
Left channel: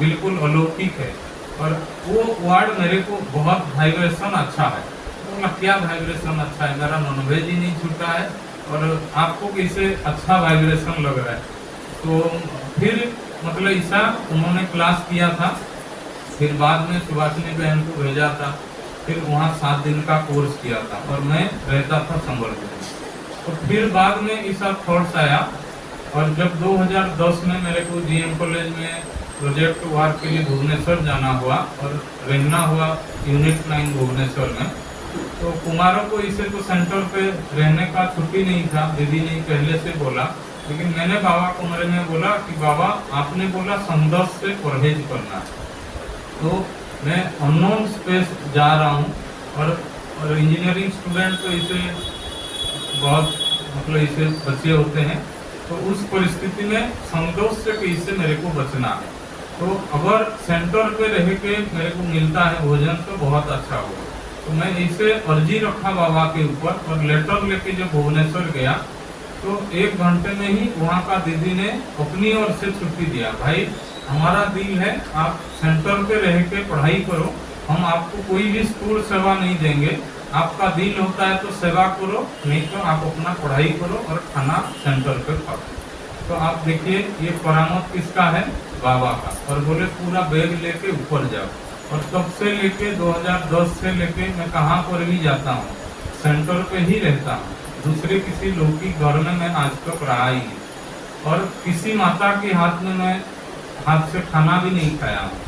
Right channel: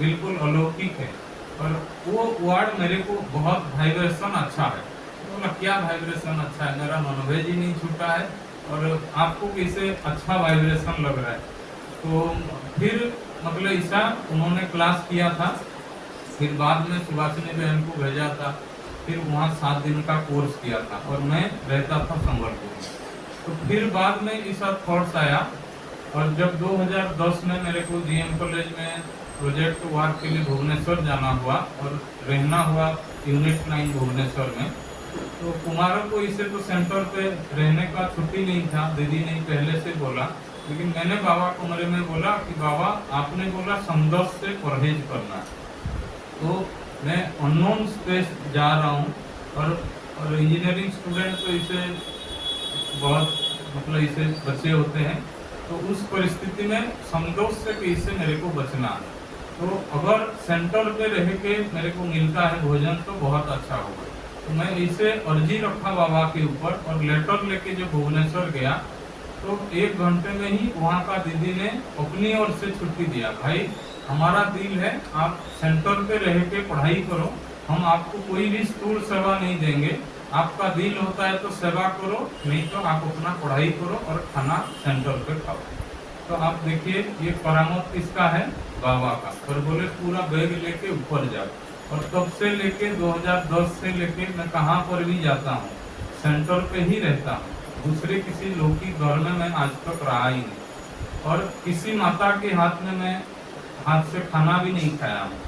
बिल्कुल अलौकिक है, और वो वर्ड मेरे को बहुत वाइब्रेशन अच्छा है। बोला क्या वाइब्रेशन अच्छा है, मेरा नॉनवेज ही नहीं छूटा है और आपको कैसे अच्छा वाइब्रेशन लग रहा है। तो फिर मतलब ऐसा उन्होंने क्लास किया था, फिर बाद में सुभाषिनी बहन को भेजा था, फिर वहाँ 7 दिन का कोर्स किया था और मैं रहता था संबलपुर में। तो फिर बाद में ऐसा थॉट्स आया, और जब 2010 में मेरे को जीएम कॉलेज में प्रोजेक्ट वर्क के लिए भुवनेश्वर जाना हुआ और रहना हुआ यूनिट 9 भुवनेश्वर में, तो कुमारों को इसे तो सेंटर पे रहने का छुट्टी नहीं था, दीदी ने पहले से बोला, लेकिन मैंने बाबा कमरे में बोला कि बाबा आपने बोला संघर्ष से परहेज करना है, तो मैं अननोन स्पेस जा रहा हूँ, और इंजीनियरिंग स्टूडेंट तो इसे बहुत मतलब इसे बचे होते हैं, तो उस परिस्थिति में संतोष से कैसे मेरे को बचना है। तो अगर सेंटर पे रह के मेरे को मिलता है भोजन तो बहुत अच्छा होगा। तो मैं इसे अर्जी रखा बाबा के ऊपर, और लेटर लेके जब भुवनेश्वर गया तो 1 घंटे में ही वहाँ का दीदी ने अपनी ओर से छुट्टी दिया, भाई हमारा दिल है आप सेंटर पे रह के पढ़ाई करो, हम आपको कोई भी स्थूल सेवा नहीं देंगे, आपका दिल होता है तो सेवा करो, नहीं तो आप अपना पढ़ाई करो और खाना सेंटर पे खाओ। तो आप देखिए ये परामर्श किसका है, बाबा का। और बोले पूरा बैग लेके ऊपर जाओ, और तब से लेके 2010 से लेके मैं कहाँ पर भी जाता हूँ सेंटर पे ही रहता हूँ, दूसरे किसी लौकिक घर में मैं आज तक रहा ही नहीं, और किसी माता के हाथ में मैं हाथ से खाना भी नहीं खाया हूँ,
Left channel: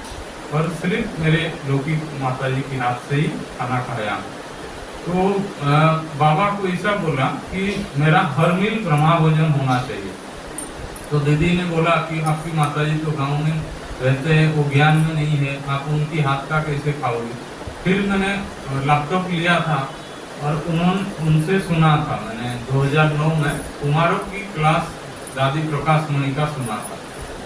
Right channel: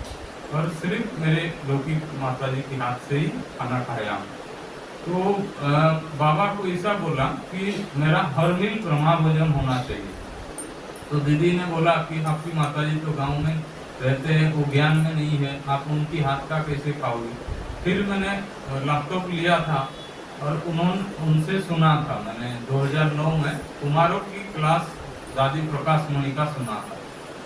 और सिर्फ मेरे लौकिक माता जी के हाथ से ही खाना खाया हूँ। तो बाबा को ऐसा बोला कि मेरा हर मील ब्रह्मा भोजन होना चाहिए। तो दीदी ने बोला कि आपकी माता जी तो गाँव में रहते हैं, वो ज्ञान में नहीं है, आप उनकी हाथ का कैसे खाओगे। फिर मैंने लैपटॉप लिया था और उनसे सुना था, मैंने 2009 में कुमारों की क्लास दादी प्रकाश मणि का सुना था,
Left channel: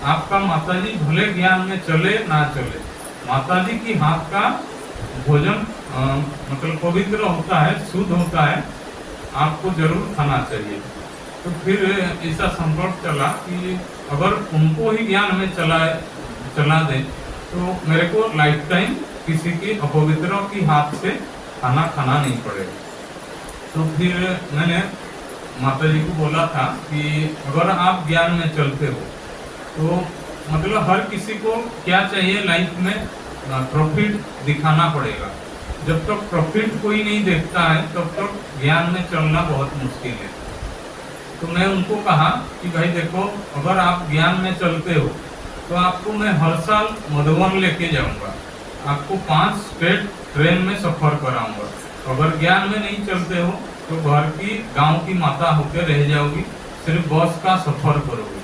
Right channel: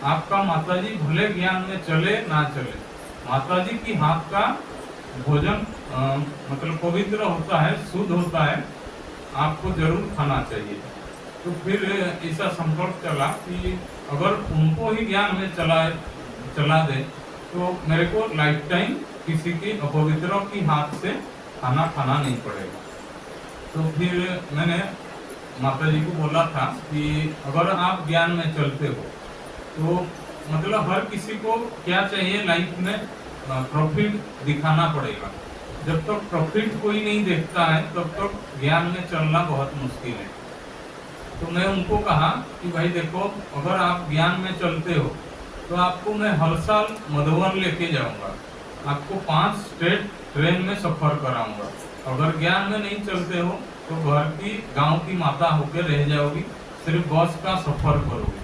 आपका माताजी भले ज्ञान में चले ना चले, माताजी की हाथ का भोजन मतलब पवित्र होता है, शुद्ध होता है, आपको जरूर खाना चाहिए। तो फिर ऐसा संकल्प चला कि अगर उनको ही ज्ञान में चला दे तो मेरे को लाइफ टाइम किसी के अपवित्रों की हाथ से खाना खाना नहीं पड़ेगा। तो फिर मैंने माता जी को बोला था कि अगर आप ज्ञान में चलते हो तो मतलब हर किसी को क्या चाहिए लाइफ में, प्रॉफिट दिखाना पड़ेगा। जब तक प्रॉफिट कोई नहीं देखता है तब तक ज्ञान में चलना बहुत मुश्किल है। तो मैं उनको कहा कि भाई देखो, अगर आप ज्ञान में चलते हो तो आपको मैं हर साल मधुबन लेके जाऊंगा, आपको 5 स्टेट ट्रेन में सफर कराऊंगा। अगर ज्ञान में नहीं चलते हो तो घर की गांव की माता होकर रह जाओगी, सिर्फ बस का सफर करोगे।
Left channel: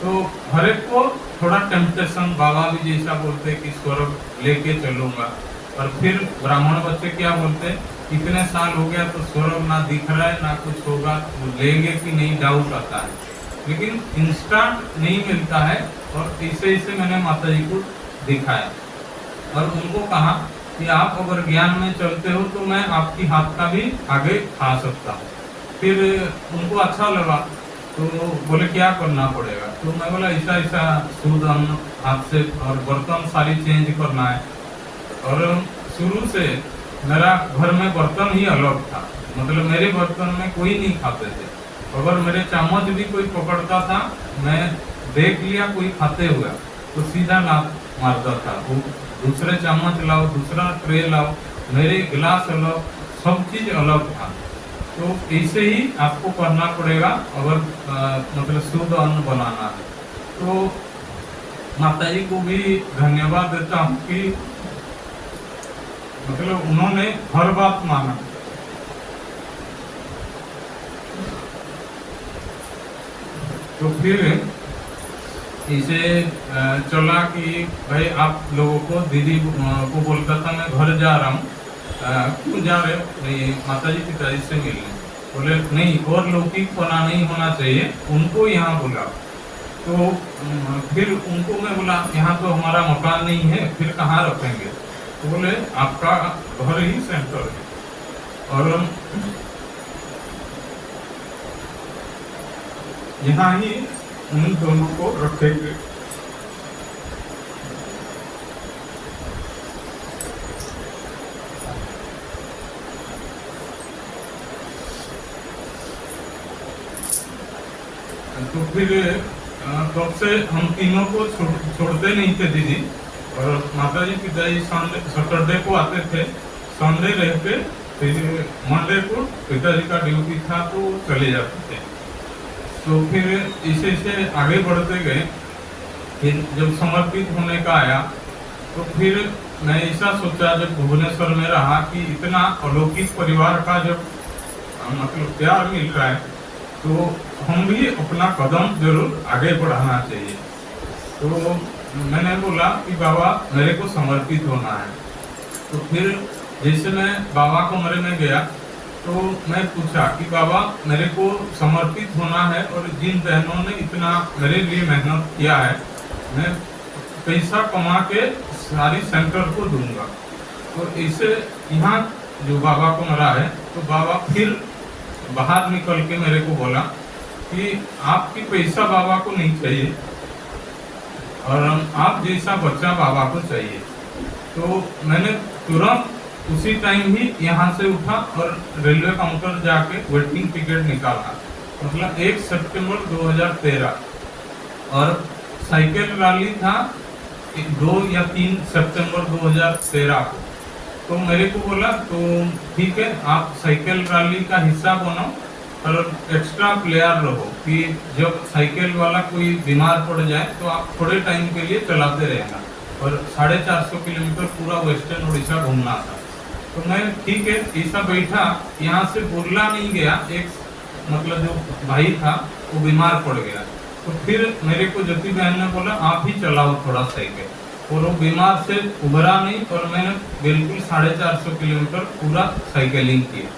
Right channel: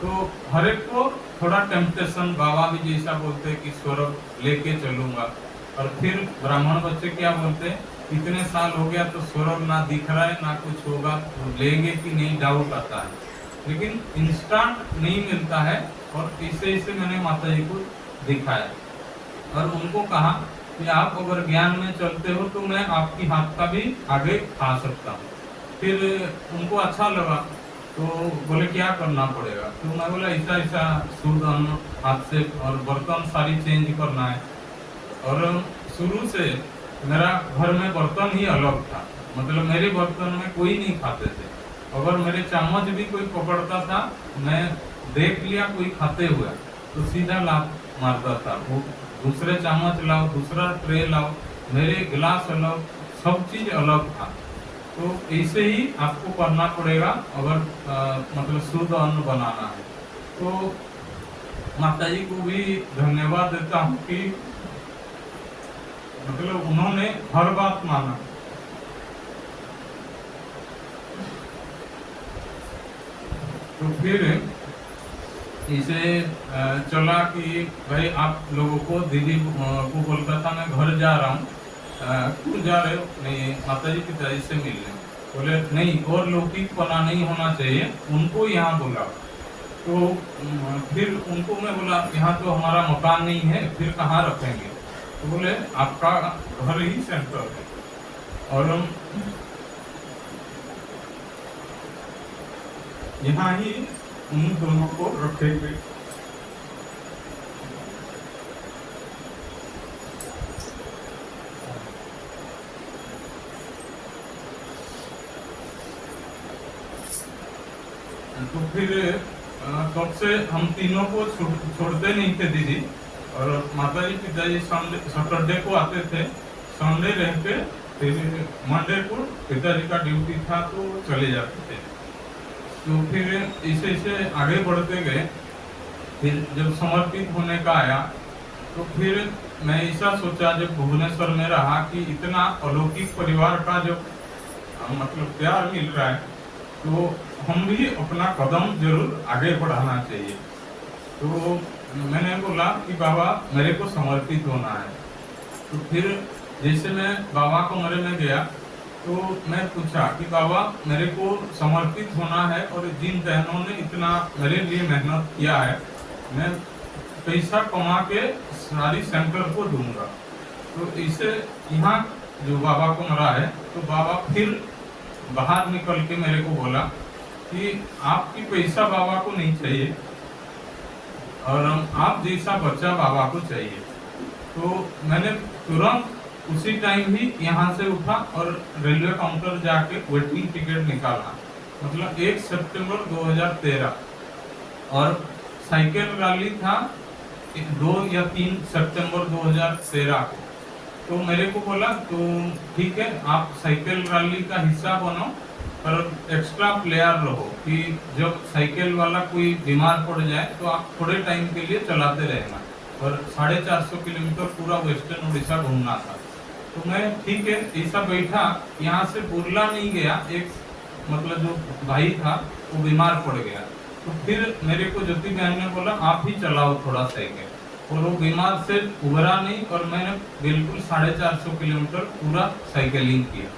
तो हर एक को थोड़ा टेम्पटेशन, बाबा भी जैसा बोलते हैं कि स्वर्ग लेके चलूंगा, और फिर ब्राह्मण बच्चे क्या बोलते हैं, इतने साल हो गया तो स्वर्ग ना दिख रहा है ना कुछ होगा, तो लेंगे कि नहीं डाउट आता है, लेकिन इंस्टेंट नहीं मिलता है। और ऐसे ऐसे मैंने माता जी को दिखाया और उनको कहा कि आप अगर ज्ञान में चलते हो तो मैं आपकी हाथ का भी आगे खा सकता हूँ। फिर उनको अच्छा लगा, तो बोले क्या करना पड़ेगा। तो मैं बोला ऐसा ऐसा शुद्ध अन्न हाथ से, और बर्तन सारी चेंज करना है। और शुरू से मेरा घर में बर्तन ही अलग था, मतलब मेरे बर्तन में कोई नहीं खाते थे। अगर मेरे चम्मच भी कोई पकड़ता था, मैं देख लिया कोई खाते हुआ तो सीधा लात मारता था, वो दूसरे चम्मच लाओ, दूसरा ट्रे लाओ, मेरे गिलास अलग, सब चीज अलग था। तो ऐसे ही आपको करना पड़ेगा अगर मतलब शुद्ध अन्न बनाना है। तो माता जी को भी धन्यवाद देता हूँ कि मतलब उन्होंने हर बात माना। तो फिर इसे चला कि भाई आप लोगों को, दीदी को बोलता था मैं घर जा रहा हूँ, क्यों जा रहे हो, माता जी पिताजी से मिलने। बोले नहीं, और लौकिक पना नहीं होना चाहिए, उनको यहाँ बुला। तो फिर उनको मैं बोला यहाँ तो हमारा मकान नहीं है, फिर कहाँ रखेंगे। तो बोले आपका घर ही सेंटर है। और यहाँ ही उन दोनों को रखेंगे। तो फिर तब से हम तीनों को छोड़ते नहीं थे दीदी, और माता जी पिताजी सैटरडे को आते थे, संडे रह के फिर मंडे को पिताजी का ड्यूटी था तो चले जाते थे। तो फिर इसे आगे बढ़ते गए। फिर जब समर्पित होने का आया तो फिर मैं ऐसा सोचा जब भुवनेश्वर में रहा कि इतना अलौकिक परिवार का जब मतलब प्यार मिल रहा है तो हम भी अपना कदम जरूर आगे बढ़ाना चाहिए। तो मैंने बोला कि बाबा मेरे को समर्पित होना है। तो फिर जैसे मैं बाबा कमरे में गया तो मैं पूछा कि बाबा मेरे को समर्पित होना है और जिन बहनों ने इतना मेरे लिए मेहनत किया है मैं पैसा कमा के सारी सेंटर को दूंगा। तो इसे यहाँ जो बाबा कमरा है तो बाबा फिर बाहर निकल के मेरे को बोला कि आपकी पैसा बाबा को नहीं चाहिए और आप जैसा बच्चा बाबा को चाहिए। तो मैंने तुरंत उसी टाइम ही यहाँ से उठा और रेलवे काउंटर जाके वेटिंग टिकट निकाला, मतलब 1 सितंबर 2013, और साइकिल रैली था 2 या 3 सितंबर 2013 को। तो मेरे को बोला तो ठीक है आप साइकिल रैली का हिस्सा बनो और एक्स्ट्रा प्लेयर रहो कि जब साइकिल वाला कोई बीमार पड़ जाए तो आप थोड़े टाइम के लिए चलाते रहना। और 450 किलोमीटर पूरा वेस्टर्न उड़ीसा घूमना था। तो मैं ठीक है ऐसा बैठा, यहाँ से बुरला नहीं गया, एक मतलब जो भाई था वो बीमार पड़ गया। तो फिर मेरे को ज्योति बहन ने बोला आप ही चलाओ थोड़ा साइकिल, और वो बीमार से उभरा नहीं और मैंने बिल्कुल 450 किलोमीटर पूरा साइकिलिंग किया।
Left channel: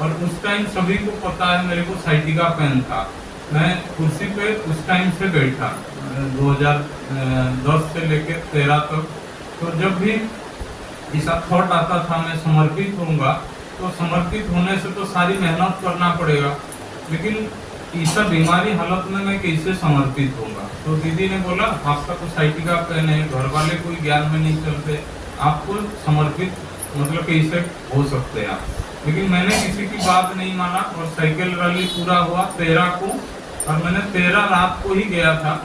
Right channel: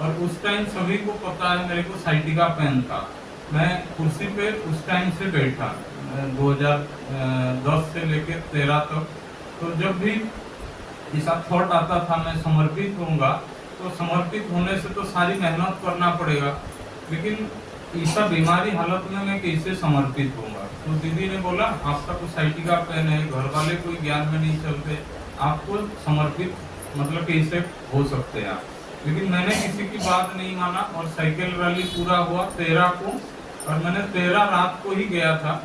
और उस टाइम सभी को पता है मेरे को साइटिका पेन था, मैं कुर्सी पे उस टाइम से बैठा 2010 से लेके 13 तक। तो जब भी ऐसा थॉट आता था मैं समर्पित होऊंगा, तो समर्पित होने से तो सारी मेहनत करना पड़ेगा, लेकिन ऐसा बीमारी हालत में मैं कैसे समर्पित होऊंगा। तो दीदी ने बोला आपका तो साइटिका पेन है, घर वाले कोई ज्ञान में नहीं चलते, आपको समर्पित मतलब कैसे हो सकते हैं आप। लेकिन मैंने किसी की बात नहीं माना और साइकिल रैली पूरा हुआ 13 को, और मैंने 13 रात को ही गया था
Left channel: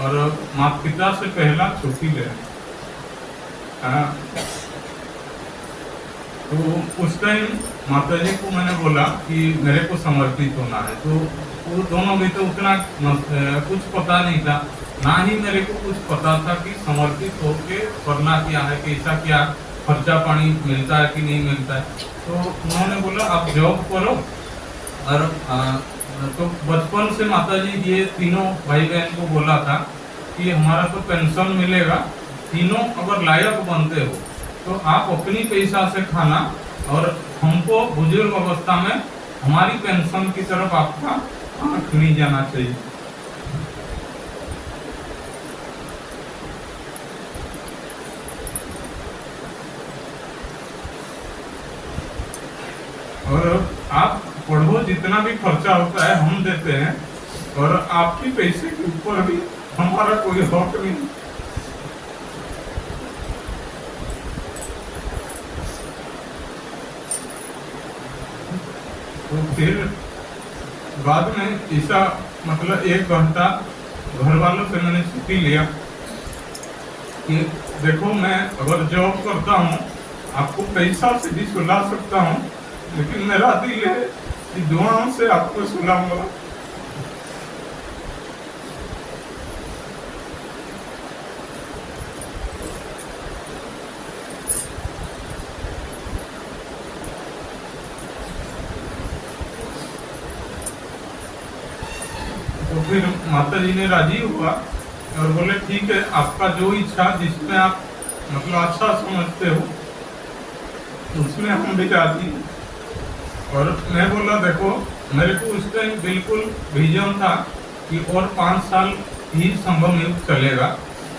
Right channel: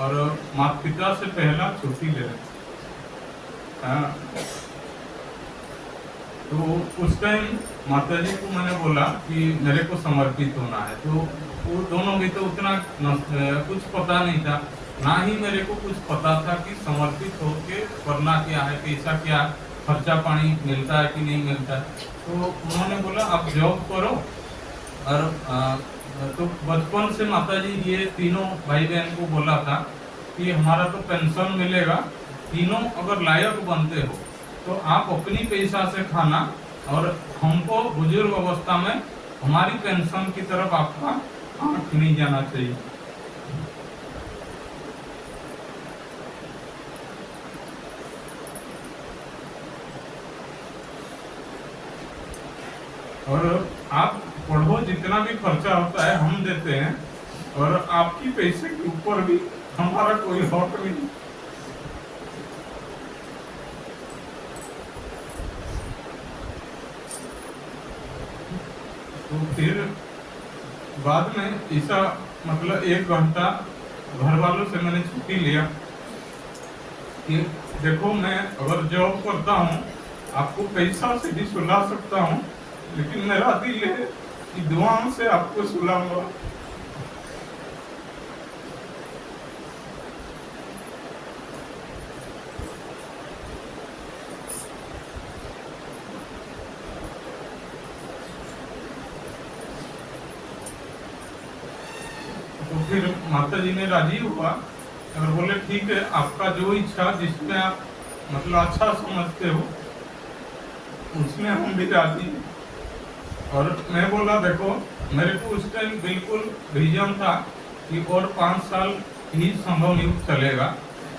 और माता पिता से पहला छुट्टी ले। तो उस टाइम माता जी को मैंने बोला कि मेरे को समर्पित होना है। तो वो दोनों भी तो उतना कुछ पता नहीं था, ना ही मेरे को कुछ पता था कि समर्पित होके करना क्या है, कैसा क्या खर्चा पानी मिलता है कि नहीं मिलता है। तो उन्होंने बोला आप जॉब करो। और तो बचपन से माता जी ये तीनों भाई बहन को बोला था कि हमारा तो पेंशन मिलेगा, तीनों अगर लायक बनते हो तो आप अपनी पैसा से खाना और हमको बुजुर्ग अवस्था में हमारी पेंशन की तरफ आपका आंख नहीं जाना चाहिए। और आप पढ़ो, जितना भी खर्चा होता है हम देते हैं, और आपकी पैसे के ऊपर भी हमारा कोई हक नहीं। तो फिर बाद में ऐसा मतलब 1 घंटा घर वालों से मैंने छुट्टी लिया कि देखो मैं अगर जॉब करता हूँ आपको पैसा से भी सुला सकता हूँ, लेकिन मेरा दिल है कि दुआओं से आपको सुलाऊंगा। तो फिर माता जी ने राजी हुआ और बोले ठीक है आपका जो इच्छा जिसमें आप मतलब अच्छा समझते हो उसमें हम भी राजी। और मैं बोला देखो मेरे को उस टाइम बिल्कुल विजन था कि और 5 साल ही संगम युग चलेगा,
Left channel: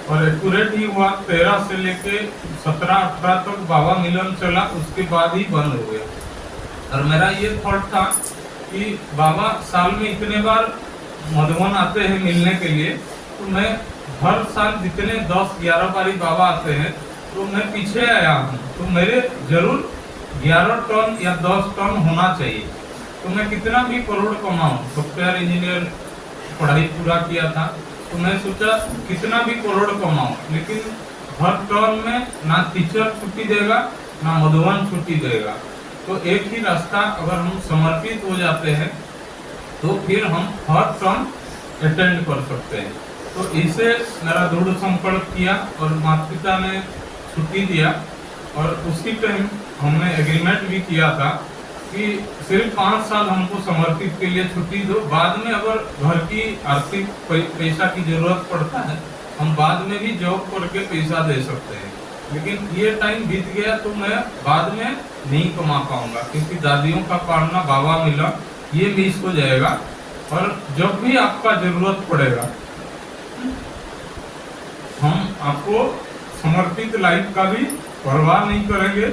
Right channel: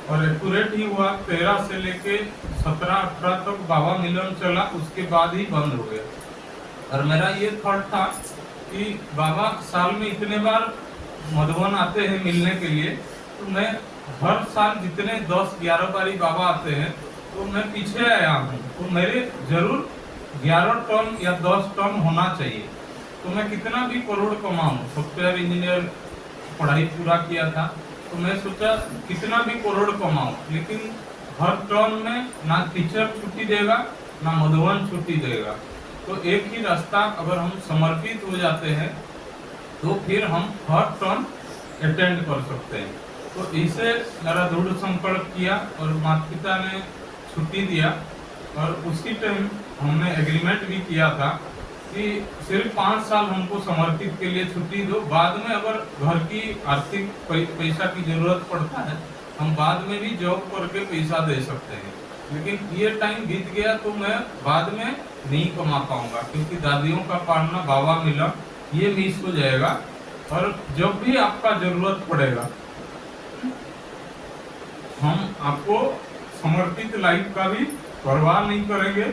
और एक्यूरेट ही हुआ। 13 से लेके 17-18 तक बाबा मिलन चला, उसके बाद ही बंद हो गया। और मेरा ये थॉट था कि बाबा साल में इतने बार मधुबन आते हैं मिलने के लिए, तो मैं हर साल जितने 10-11 बारी बाबा आते हैं तो मैं पीछे आया हूँ, तो मेरे जरूर 11 टन या 10 टन होना चाहिए। तो मैं कितना भी करोड़ कमाऊं, सॉफ्टवेयर इंजीनियर पढ़ाई पूरा किया था, तो मैं सोचा कितना भी करोड़ कमाऊं, लेकिन हर टर्म में ना टीचर छुट्टी देगा ना मधुबन छुट्टी देगा। तो एक ही रास्ता, अगर हम समर्पित हो जाते हैं तो फिर हम हर टर्म अटेंड कर सकते हैं। तो इसे मेरा दृढ़ संकल्प किया और माता पिता ने छुट्टी दिया, और उसी टाइम हमने एग्रीमेंट भी किया था कि सिर्फ 5 साल हमको समर्पित के लिए छुट्टी दो, बाद में अगर घर की आर्थिक पैसा की जरूरत पड़ता है हम बाद में भी जॉब करके पैसा दे सकते हैं। लेकिन ये टाइम बीत गया तो मैं बाद में नहीं कमा पाऊंगा, क्योंकि दादियों का पालना बाबा मिला ये मिस हो जाएगा। और जब भी आपका जरूरत पड़ेगा हम आपको समर्पित लाइफ का भी परवाह नहीं करेंगे,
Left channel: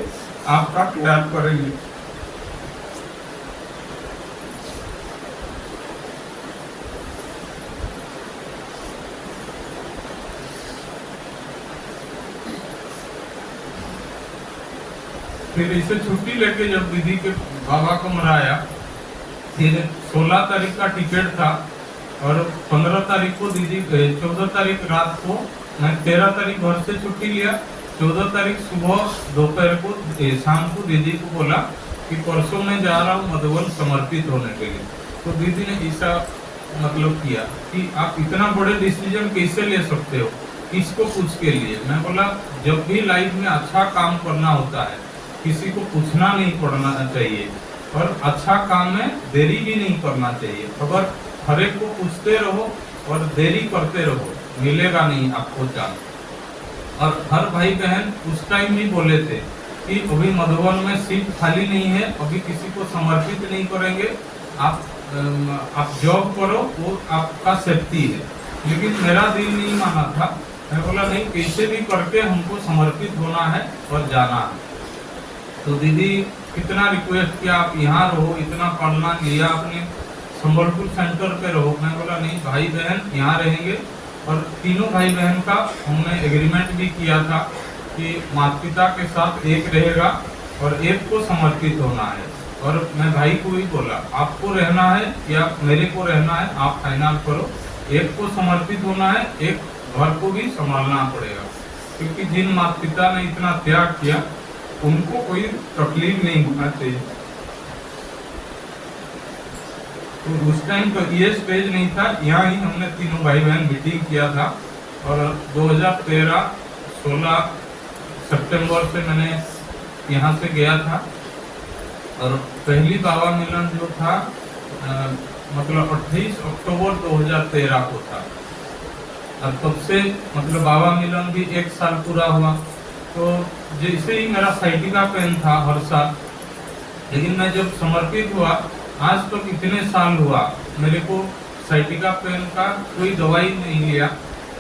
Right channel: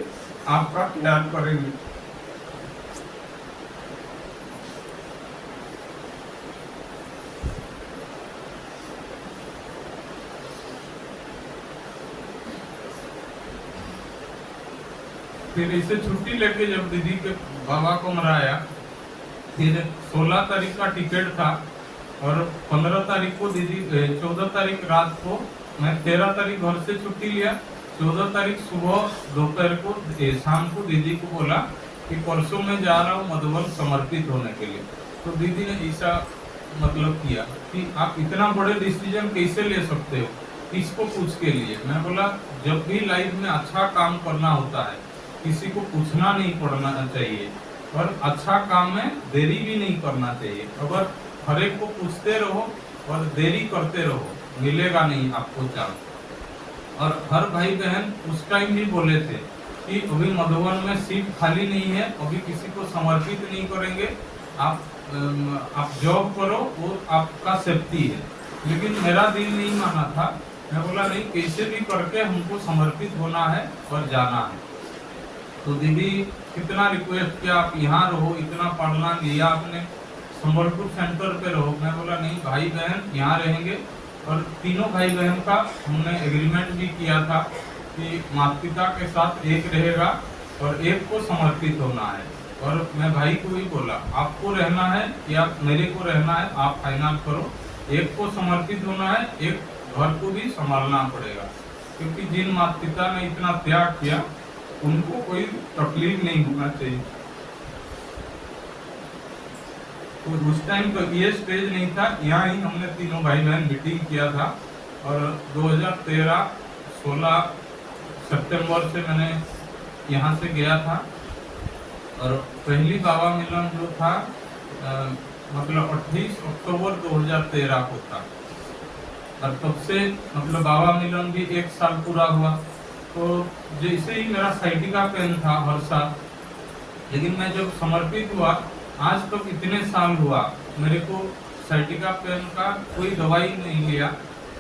आपका प्यार करेंगे। फिर इसे छुट्टी लेके जब दीदी के बाबा को मनाया, फिर 16 तारीख का टिकट था और 15 तारीख को दीदी 14 तारीख रात को, मैं 13 तारीख घर से छुट्टी लिया। 14 तारीख सुबह दोपहर को शाम को दीदी को बोला कि परसों मैं जा रहा हूँ मधुबन समर्पित होने के लिए। तो दीदी ने ऐसा मतलब किया कि आप इतना बड़े डिसीजन कैसे ले सकते हो, किसको पूछ के लिए। मैं बोला जब भी लाइफ में अच्छा काम करना होता है किसी को पूछना नहीं पड़ना चाहिए, और अच्छा काम में देरी भी नहीं करना चाहिए। अगर हर एक को पूछते रहो और देरी करते रहो मिलेगा नहीं आपको चांस। और हर भाई बहन उस टाइम भी बोले थे कि अभी मधुबन में सीट खाली नहीं है, अभी किसी को समर्पित नहीं करेंगे, आप जॉब करो, वो आपका सेफ्टी है। लेकिन मेरा दिल नहीं माना था, मैं बोला नहीं कैसे भी करके हमको समर्पित होना है और जाना है। तो दीदी कितना रिक्वेस्ट किया आप यहाँ रहो, इतना पढ़ना लिया आपने, संबलपुर सेंटर पे रहो। मैं बोला नहीं भाई बहन यहाँ रहेंगे। और तीनों भाई बहन का हमने एग्रीमेंट भी किया था कि माता पिता के साथ एक रहेगा और एक को समर्पित होना है। और मैं भाई को ही बोला आपको रहना है या मेरे को रहना है, आप फाइनल करो। एक को समर्पित होना है, एक घर को भी संभालना पड़ेगा, क्योंकि जिन माता पिता ने इतना त्याग किया उनको कोई तकलीफ नहीं होना चाहिए। तो उस टाइम तो ये स्टेज नहीं था, यहाँ ही हमने तीनों भाई बहन मीटिंग किया था। और 2013 16 सितंबर से मैंने यहाँ से गया था। और पहली बाबा मिलन जो था मतलब 28 अक्टूबर 2013 को था। और तब से मतलब बाबा मिलन भी 1 साल पूरा हुआ। तो जैसे ही मेरा साइटिका पेन था हर साल, लेकिन मैं जब समर्पित हुआ आज तक तो इतने साल हुआ मेरे को साइटिका पेन का कोई दवाई नहीं लिया।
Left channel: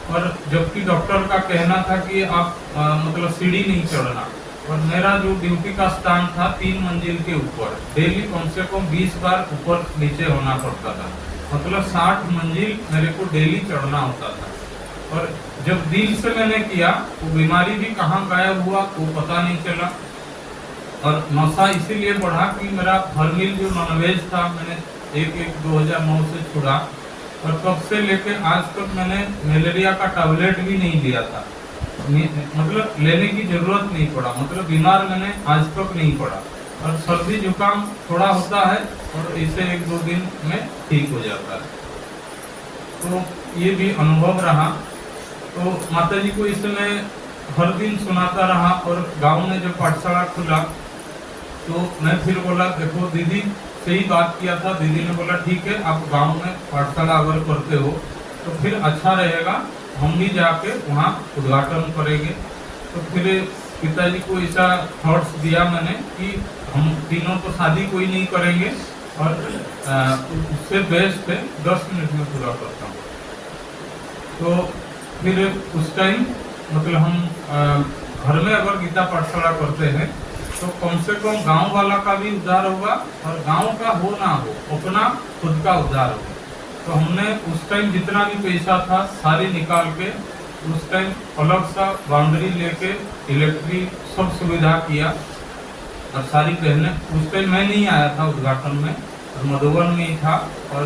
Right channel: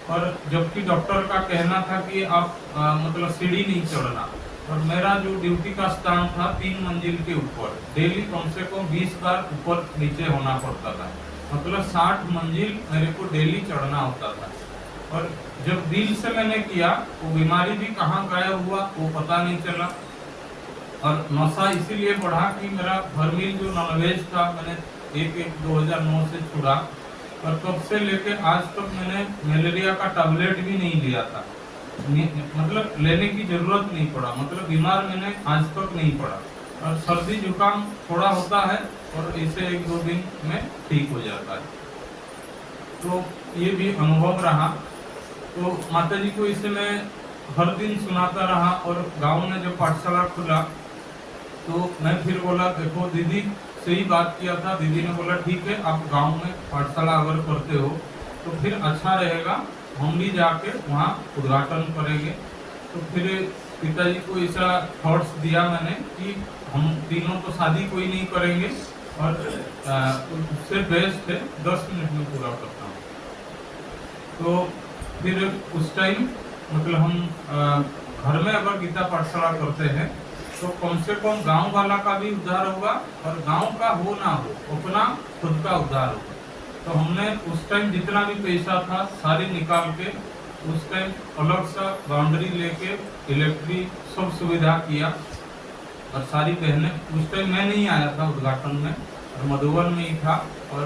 और जबकि डॉक्टर का कहना था कि आप मतलब सीढ़ी नहीं चढ़ना, और मेरा जो ड्यूटी का स्थान था 3 मंजिल के ऊपर, डेली कम से कम 20 बार ऊपर नीचे होना पड़ता था, मतलब 60 मंजिल मेरे को डेली चढ़ना होता था। और जब दिल से मैंने किया वो बीमारी भी कहाँ गायब हुआ वो पता नहीं चला। और नशा इसीलिए बढ़ा कि मेरा हर मील जो नॉनवेज था मैंने 1/1/2009 से छुड़ा। और तब से लेके आज तक मैंने मलेरिया का टैबलेट भी नहीं लिया था, मतलब लेने की जरूरत नहीं पड़ा, मतलब बीमार मैंने आज तक नहीं पड़ा। और सर्दी जुकाम थोड़ा होता है और इसे 1-2 दिन में ठीक हो जाता है। तो ये भी अनुभव रहा। तो माता जी को इसे मैं हर दिन सुनाता रहा। और गांव में जब पाठशाला खुला तो मैं फिर बोला देखो दीदी से ही बात किया था, दीदी ने बोला ठीक है आप गांव में पाठशाला अगर करते हो तो फिर अच्छा रहेगा, हम भी जाके वहाँ उद्घाटन करेंगे। तो फिर पिताजी को ऐसा थॉट्स दिया मैंने कि हम तीनों तो शादी कोई नहीं करेंगे और उससे बेस्ट है 10 मिनट में पूरा करता हूँ। तो फिर उस टाइम मतलब हम घर में अगर गीता पाठशाला करते हैं तो कम से कम गांव वाला का भी उद्धार होगा और गांव का हो ना हो अपना खुद का उद्धार होगा। तो हमने उस टाइम जितना भी पैसा था सारी निकाल के उस टाइम अलग सा बाउंड्री लेके इलेक्ट्रिक सब सुविधा किया और सारी बहनें, उस टाइम मैं नहीं आया था उद्घाटन में और मधुबन में ही था। और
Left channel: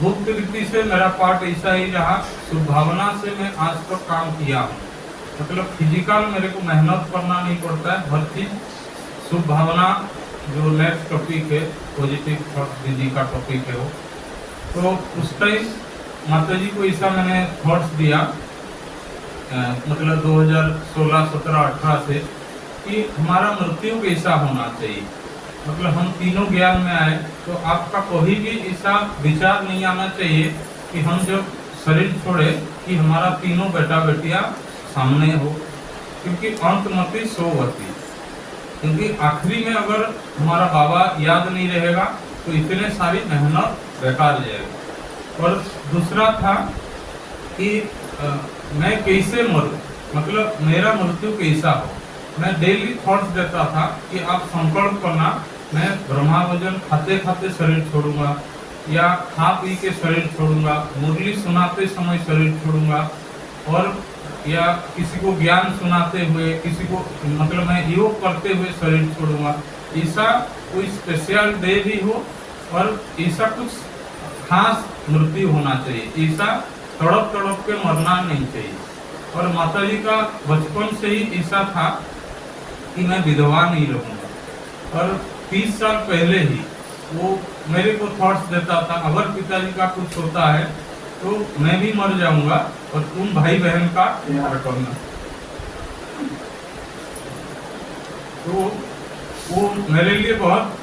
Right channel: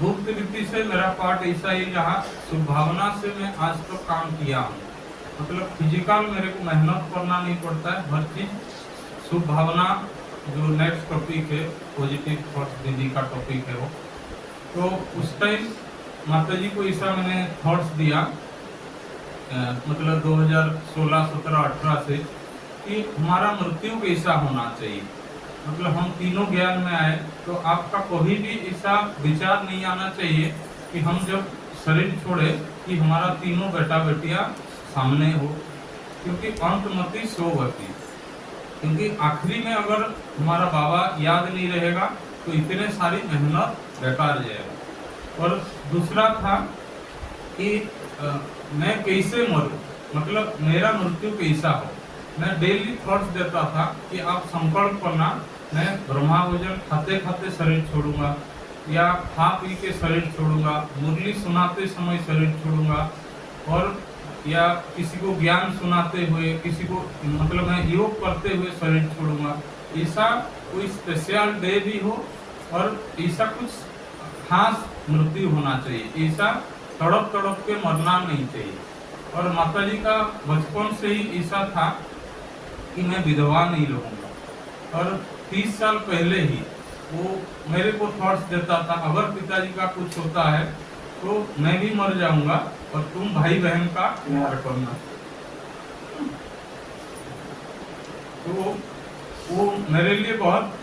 गुप्त रीति से मेरा पार्ट ऐसा ही रहा, शुभ भावना से मैं आज तक तो काम किया हूँ। मतलब फिजिकल मेरे को मेहनत करना नहीं पड़ता है, हर चीज शुभ भावना। जो नेक्स्ट टॉपिक है पॉजिटिव थॉट्स दीदी का टॉपिक है वो, तो उस टाइम माता जी को ऐसा मैंने थॉट्स दिया मतलब 2016, 17, 18 से कि हमारा मृत्यु कैसा होना चाहिए। मतलब हम तीनों ज्ञान में आए तो आपका कभी भी ऐसा विचार नहीं आना चाहिए कि हम जब शरीर छोड़े कि हमारा तीनों बेटा बेटियां सामने हो, क्योंकि अंतमति सोवती, क्योंकि आखिरी में अगर हमारा बाबा याद नहीं रहेगा तो इतने सारी मेहनत बेकार जाएगा। और दूसरा था कि मैं कैसे मरूं, मतलब मेरा मृत्यु कैसा हो। मैं डेली थॉट्स देता था कि आप संकल्प करना, मैं ब्रह्मा भोजन खाते खाते शरीर छोड़ूंगा या खा पी के शरीर छोड़ूंगा, मुरली सुनाते समय शरीर छोड़ूंगा, और या किसी को ज्ञान सुनाते हुए, किसी को मतलब मैं योग करते हुए शरीर छोड़ूंगा। ऐसा कोई स्पेशल डे भी हो और ऐसा कुछ खास मृत्यु होना चाहिए, ऐसा तड़प तड़प के मरना नहीं चाहिए। और माता जी का बचपन से ही ऐसा था कि मैं विधवा नहीं रहूंगा। और 30 साल पहले ही वो मेरे को थॉट्स देता था, अगर पिताजी का कुछ होता है तो मैं भी मर जाऊंगा और तुम भाई बहन का प्यार करना। तो वो मेरे लिए बहुत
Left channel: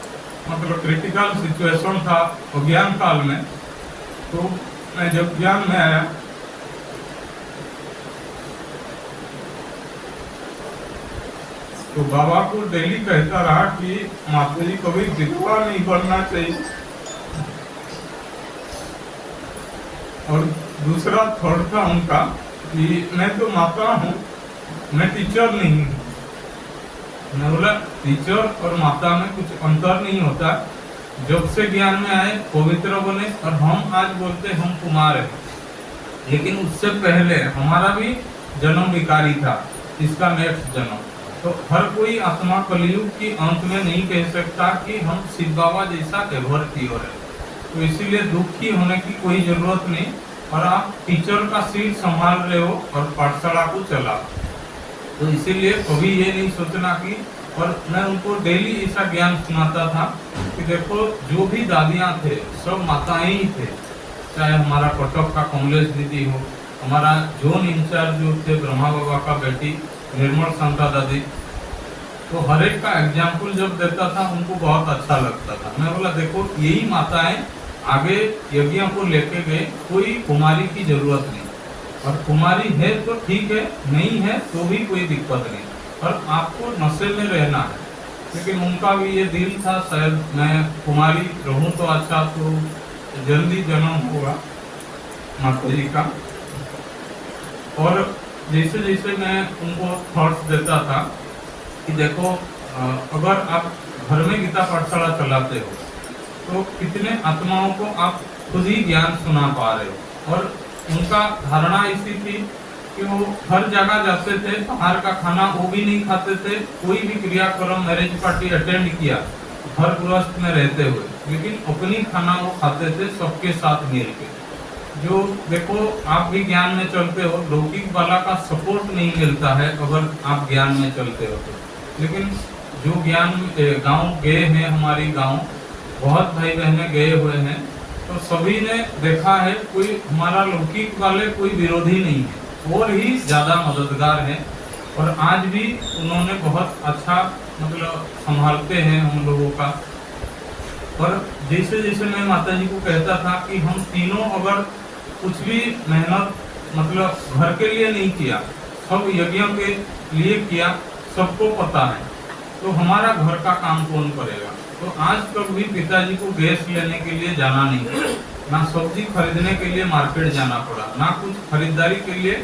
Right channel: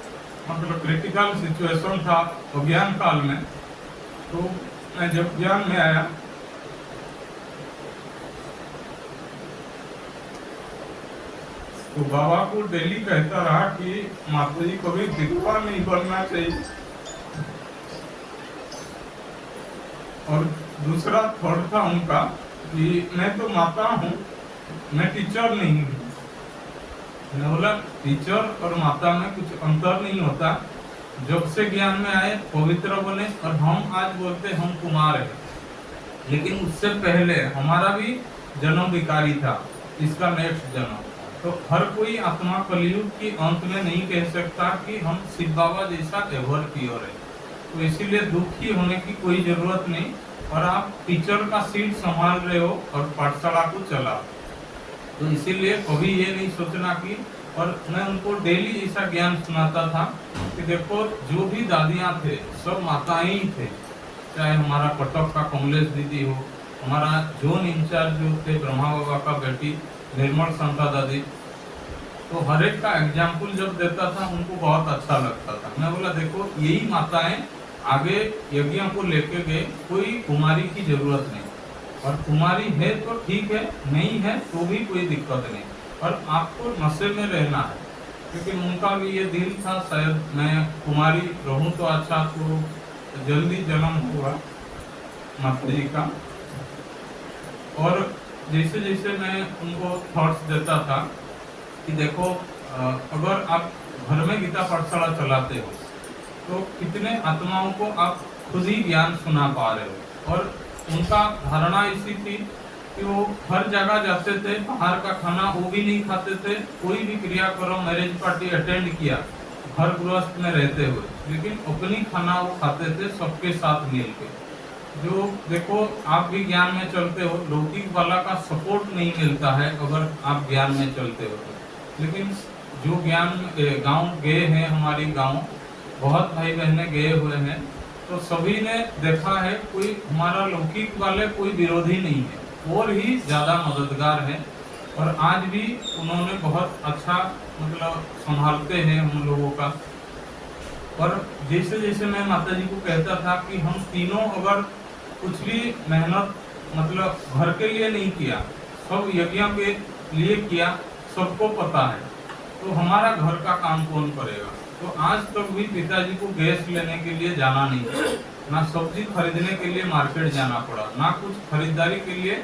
मतलब क्रिटिकल सिचुएशन था अज्ञान काल में। तो मैं जब ज्ञान में आया तो बाबा को डेली कहता रहा कि माता जी कभी विधवा नहीं बनना चाहिए। और दूसरा थॉट था उनका कि मैं तो माता हूँ, मैं टीचर नहीं हूँ। मैं बोला टीचर और माता में कुछ अंतर नहीं होता, जब से ज्ञान में आए पवित्र बने। और हम आज बोलते हम कुमार है, लेकिन उससे पहले हमारा भी जन्म विकारी था, इसका नेक्स्ट जन्म। तो हर कोई आत्मा कलयुग की अंत में नहीं कह सकता कि हम शिव बाबा जैसा एवर प्योर है। तो इसीलिए दुखी होने की कोई जरूरत नहीं। और आप टीचर का सीट संभाल रहे हो और पाठशाला को चला, तो इसीलिए कभी ये नहीं सोचना कि। और मैं उनको डेली ऐसा ज्ञान सुनाता था कि देखो जो भी दादियाँ थे सब माताएं ही थे, चाहे हमारा कटक का कमलेश दीदी हो, हमारा जोन इंचार्ज जो थे ब्रह्मा बाबा का बेटी निर्मल शंका दादी, तो हर एक का एग्जाम्पल जब देता था उनको बहुत अच्छा लगता था। मैं बोला देखो यही माताएं आगे यज्ञों को लेके गए, कोई कुमारी की जरूरत नहीं। और कुमारी है तो ठीक है, नहीं है तो भी कोई दिक्कत नहीं। और आपको नशे में रहना है, क्योंकि उनका भी ये दिल था शायद मैं कुमारी रहूं तो अच्छा, तो जल्दी जन्म हुआ माता जी का। और जैसे जैसे मैं उनको थॉट्स देता था कि देखो अगर आप घर में गीता पाठशाला चलाते हो तो कितने आत्माओं को आप खुद ही ज्ञान सुना पा रहे हो। और उनका धारणा ऐसी थी कि वो हर जगह जाते थे, बाहर का खाना वो भी नहीं खाते थे, कोई भी क्रियाक्रम मैरिज पार्टी अटेंड किया घर गृहस्थ में रहते हुए, लेकिन अपनी खाना वो खाते थे सबके साथ मिल के। जो देखो आप भी ज्ञान में चलते हो, लौकिक वाला का सपोर्ट नहीं मिलता है अगर आप ज्ञान में चलते हो तो। लेकिन जो ज्ञान गांव गए हैं, हमारी गांव बहुत भाई बहने गए हुए हैं, तो सभी ने देखा है कोई हमारा लौकिक वाले कोई विरोधी नहीं है और ही ज्यादा मददगार है। और आज भी उन्होंने बहुत अच्छा मतलब संभालते हैं हम लोगों का। और जैसे जैसे मैं माता जी को कहता था कि हम तीनों अगर कुछ भी मेहनत मतलब घर के लिए नहीं किया, सब यज्ञों के लिए किया, सबको पता है, तो हमारा घर का काम कौन करेगा। तो आज तक भी पिताजी को गैस लेने के लिए जाना नहीं पड़ा, ना सब्जी खरीदने के लिए मार्केट जाना पड़ा, ना कुछ खरीदारी के लिए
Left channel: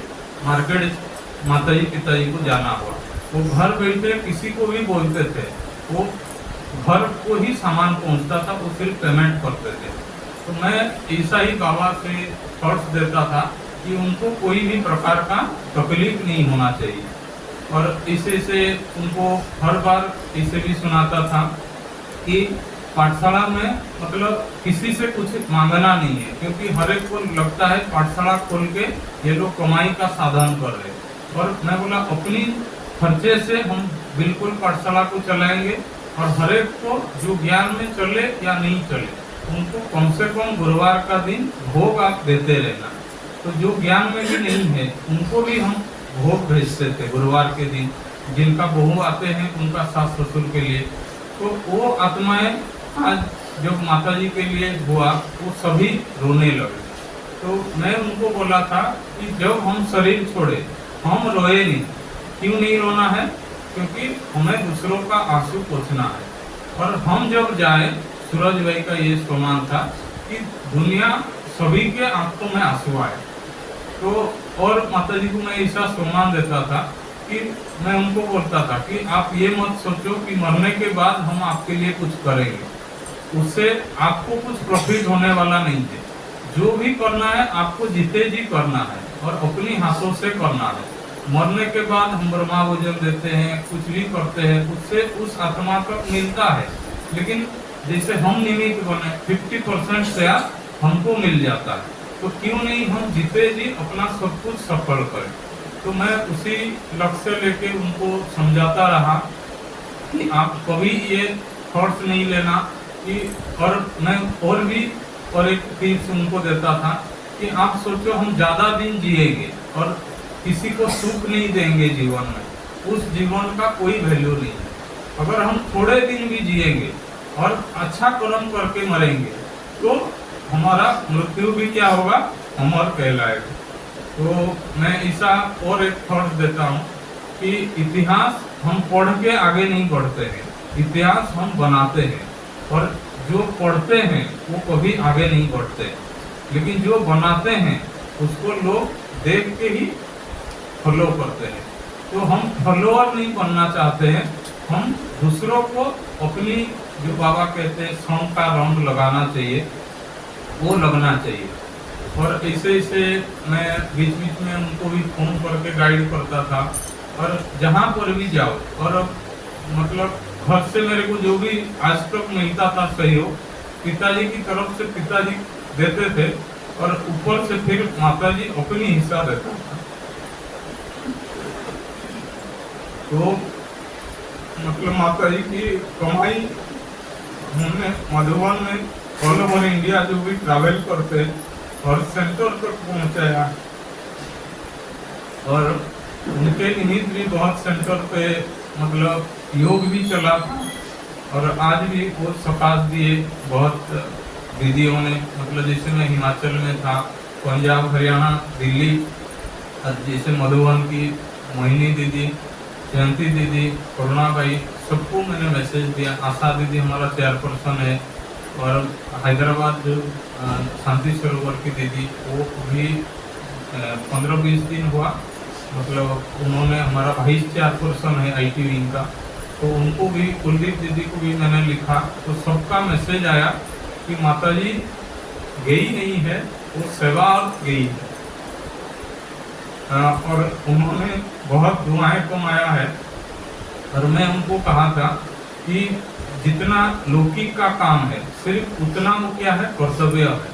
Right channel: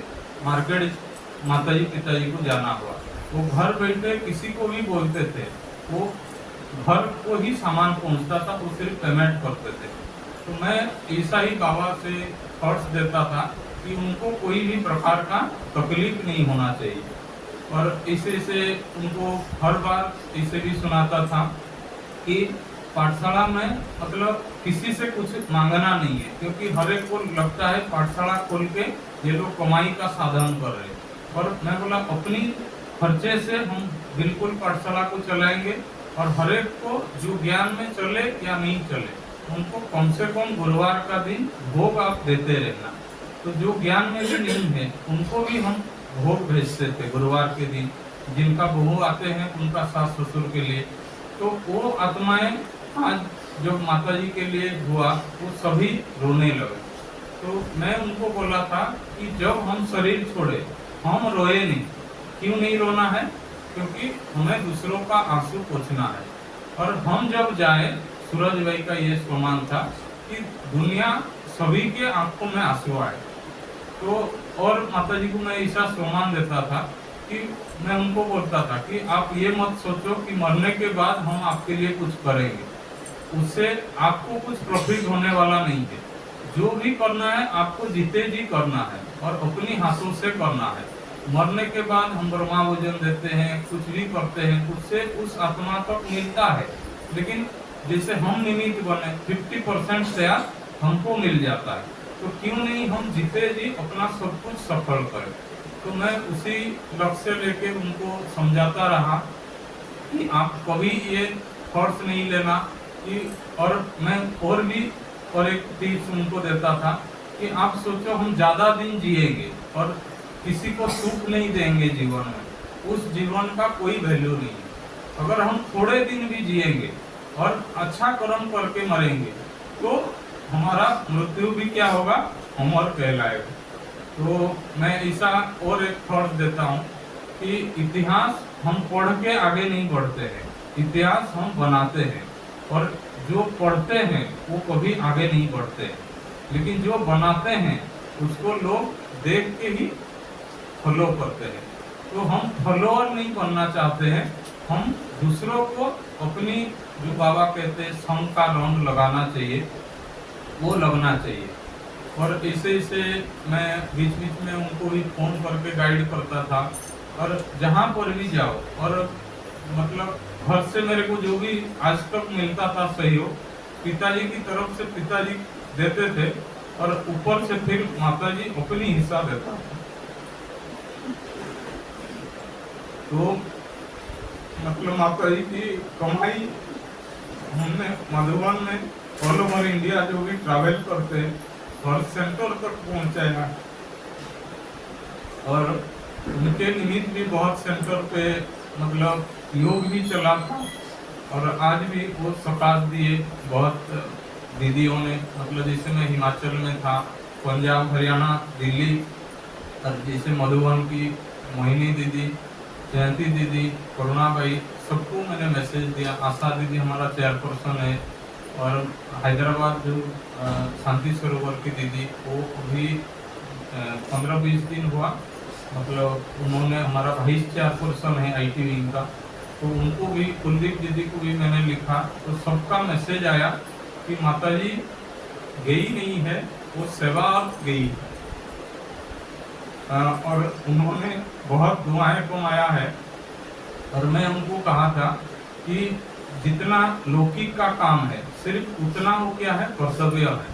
मार्केट माताजी पिताजी को जाना हुआ। वो घर बैठे किसी को भी बोलते थे, वो घर को ही सामान पहुंचता था, वो सिर्फ पेमेंट करते थे। तो मैं ईसाई बाबा से थॉट्स देता था कि उनको कोई भी प्रकार का तकलीफ नहीं होना चाहिए, और इसे से उनको हर बार इसे भी सुनाता था कि पाठशाला में मतलब किसी से कुछ मांगना नहीं है, क्योंकि हर एक को लगता है पाठशाला खोल के ये लोग कमाई का साधन कर रहे हैं। और मैं बोला अपनी खर्चे से हम बिल्कुल पाठशाला को चलाएंगे, और हर एक को जो ज्ञान में चले या नहीं चले उनको कम से कम गुरुवार का दिन भोग आप देते रहना। तो जो ज्ञान में भी नहीं है उनको भी हम भोग भेजते थे गुरुवार के दिन, जिनका बहू आते हैं उनका सास ससुर के लिए। तो वो आत्माएं आज जब माता जी के लिए हुआ वो सभी रोने लगे। तो मैं उनको बोला था कि जब हम शरीर छोड़े हम रोए नहीं। क्यों नहीं रोना है? क्योंकि हमें दूसरों का आंसू पोंछना है। और हम जब जाए, सूरज भाई का ये सम्मान था कि दुनिया सभी के आंखों में आंसू आए। तो और माता जी को मैं ऐसा सम्मान देता था कि मैं उनको बोलता था कि आप ये मत सोचो कि मरने के बाद हम आपके लिए कुछ करेंगे, उससे आपको कुछ प्रॉफिट होने वाला नहीं है। जो भी करना है आपको जीते जी करना है और अपनी हाथों से करना है। मरने के बाद हम ब्रह्मा भोजन देते हैं, कुछ भी करते हैं, उससे उस आत्मा तक मिलता है, लेकिन जैसे हम निमित्त बने 50% से हमको मिल जाता है। तो क्यों नहीं हम जीते जी अपना सब कुछ सफल करें। तो मैं उसी लक्ष्य लेके उनको समझाता रहा कि आप कभी ये थॉट्स नहीं लेना कि, और मैं और भी और एक टिप्स उनको देता था कि आप सोचो हम ज़्यादा दिन जिएंगे और किसी को सुख नहीं देंगे जीवन में, उस जीवन का कोई वैल्यू नहीं है। अगर हम थोड़े दिन भी जिएंगे और अच्छा कर्म करके मरेंगे तो हमारा मृत्यु भी क्या होगा, अमर कहलाएगा। तो मैं ऐसा और एक थॉट देता हूँ कि इतिहास हम पढ़ के आगे नहीं बढ़ते हैं, इतिहास हम बनाते हैं। और जो पढ़ते हैं वो कभी आगे नहीं बढ़ते, लेकिन जो बनाते हैं उसको लोग देख के ही फॉलो करते हैं। तो हम फॉलोअर नहीं बनना चाहते हैं, हम दूसरों को अपनी जो बाबा कहते हैं संग का रंग लगाना चाहिए, वो लगना चाहिए। और ऐसे ऐसे मैं बीच बीच में उनको भी फोन करके गाइड करता था। और जहाँ पर भी जाओ, और मतलब घर से मेरे को जो भी आज तक मिलता था सहयोग, पिताजी की तरफ से पिताजी देते थे और ऊपर से फिर माताजी अपनी हिस्सा देता था। तो मतलब माताजी की कमाई हमने मधुबन में ऑल ओवर इंडिया जो भी ट्रैवल करते और सेंटर तक पहुंचाया, और उनके निमित्त भी बहुत सेंटर पे मतलब योग भी चला था। और आज भी बहुत सकाश दिए बहुत दीदियों ने, मतलब जैसे मैं हिमाचल में था, पंजाब हरियाणा दिल्ली, जैसे मधुबन की मोहिनी दीदी, जयंती दीदी, करुणा भाई, सबको मैंने मैसेज दिया। आशा दीदी हमारा चेयरपर्सन है। और हैदराबाद जो शांति सरोवर की दीदी, वो भी 15-20 दिन हुआ, मतलब उन्होंने हमारा वाइस चेयरपर्सन है IT विंग का, तो उनको भी, कुलदीप दीदी को भी मैंने लिखा। तो सबका मैसेज आया कि माताजी गई नहीं है, वो सेवा और गई है। और उन्होंने बहुत दुआएं कमाया है। और मैं उनको कहा था कि जितना लौकिक का काम है सिर्फ उतना वो क्या है, कर्तव्य है,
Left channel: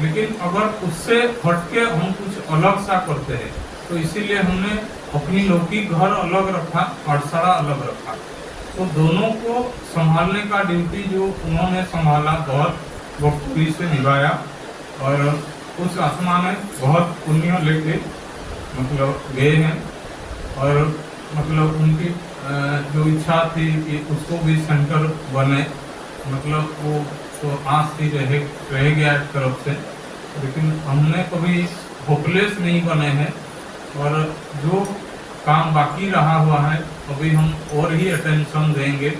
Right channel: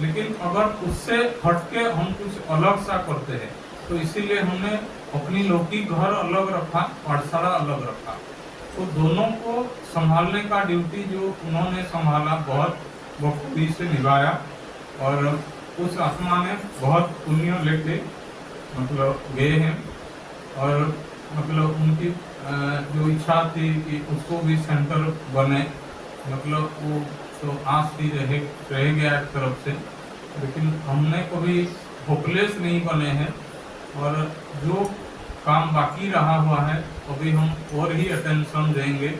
लेकिन अगर उससे हटके हम कुछ अलग सा करते हैं तो इसीलिए हमने अपनी लौकिक घर अलग रखा, पाठशाला अलग रखा। तो दोनों को संभालने का ड्यूटी जो उन्होंने संभाला, बहुत बखूबी से निभाया। और उस आत्मा ने बहुत पुण्य लेके मतलब गए हैं। और मतलब उनकी जो इच्छा थी कि उसको भी सेंटर बने, मतलब वो तो आज ही रह गया एक तरफ से, लेकिन हमने कभी होपलेस नहीं बने हैं। और जो काम बाकी रहा हुआ है अभी हम और ही अटेंशन देंगे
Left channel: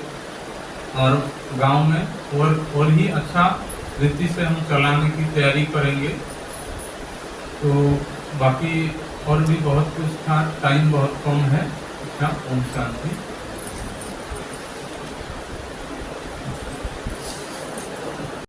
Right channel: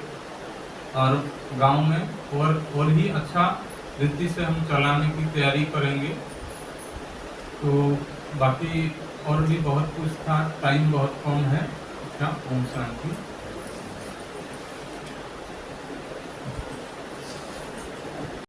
और गांव में और ही अच्छा रीति से हम चलाने की तैयारी करेंगे। तो बाकी और भी बहुत कुछ था, टाइम बहुत कम है। अच्छा, ओम शांति।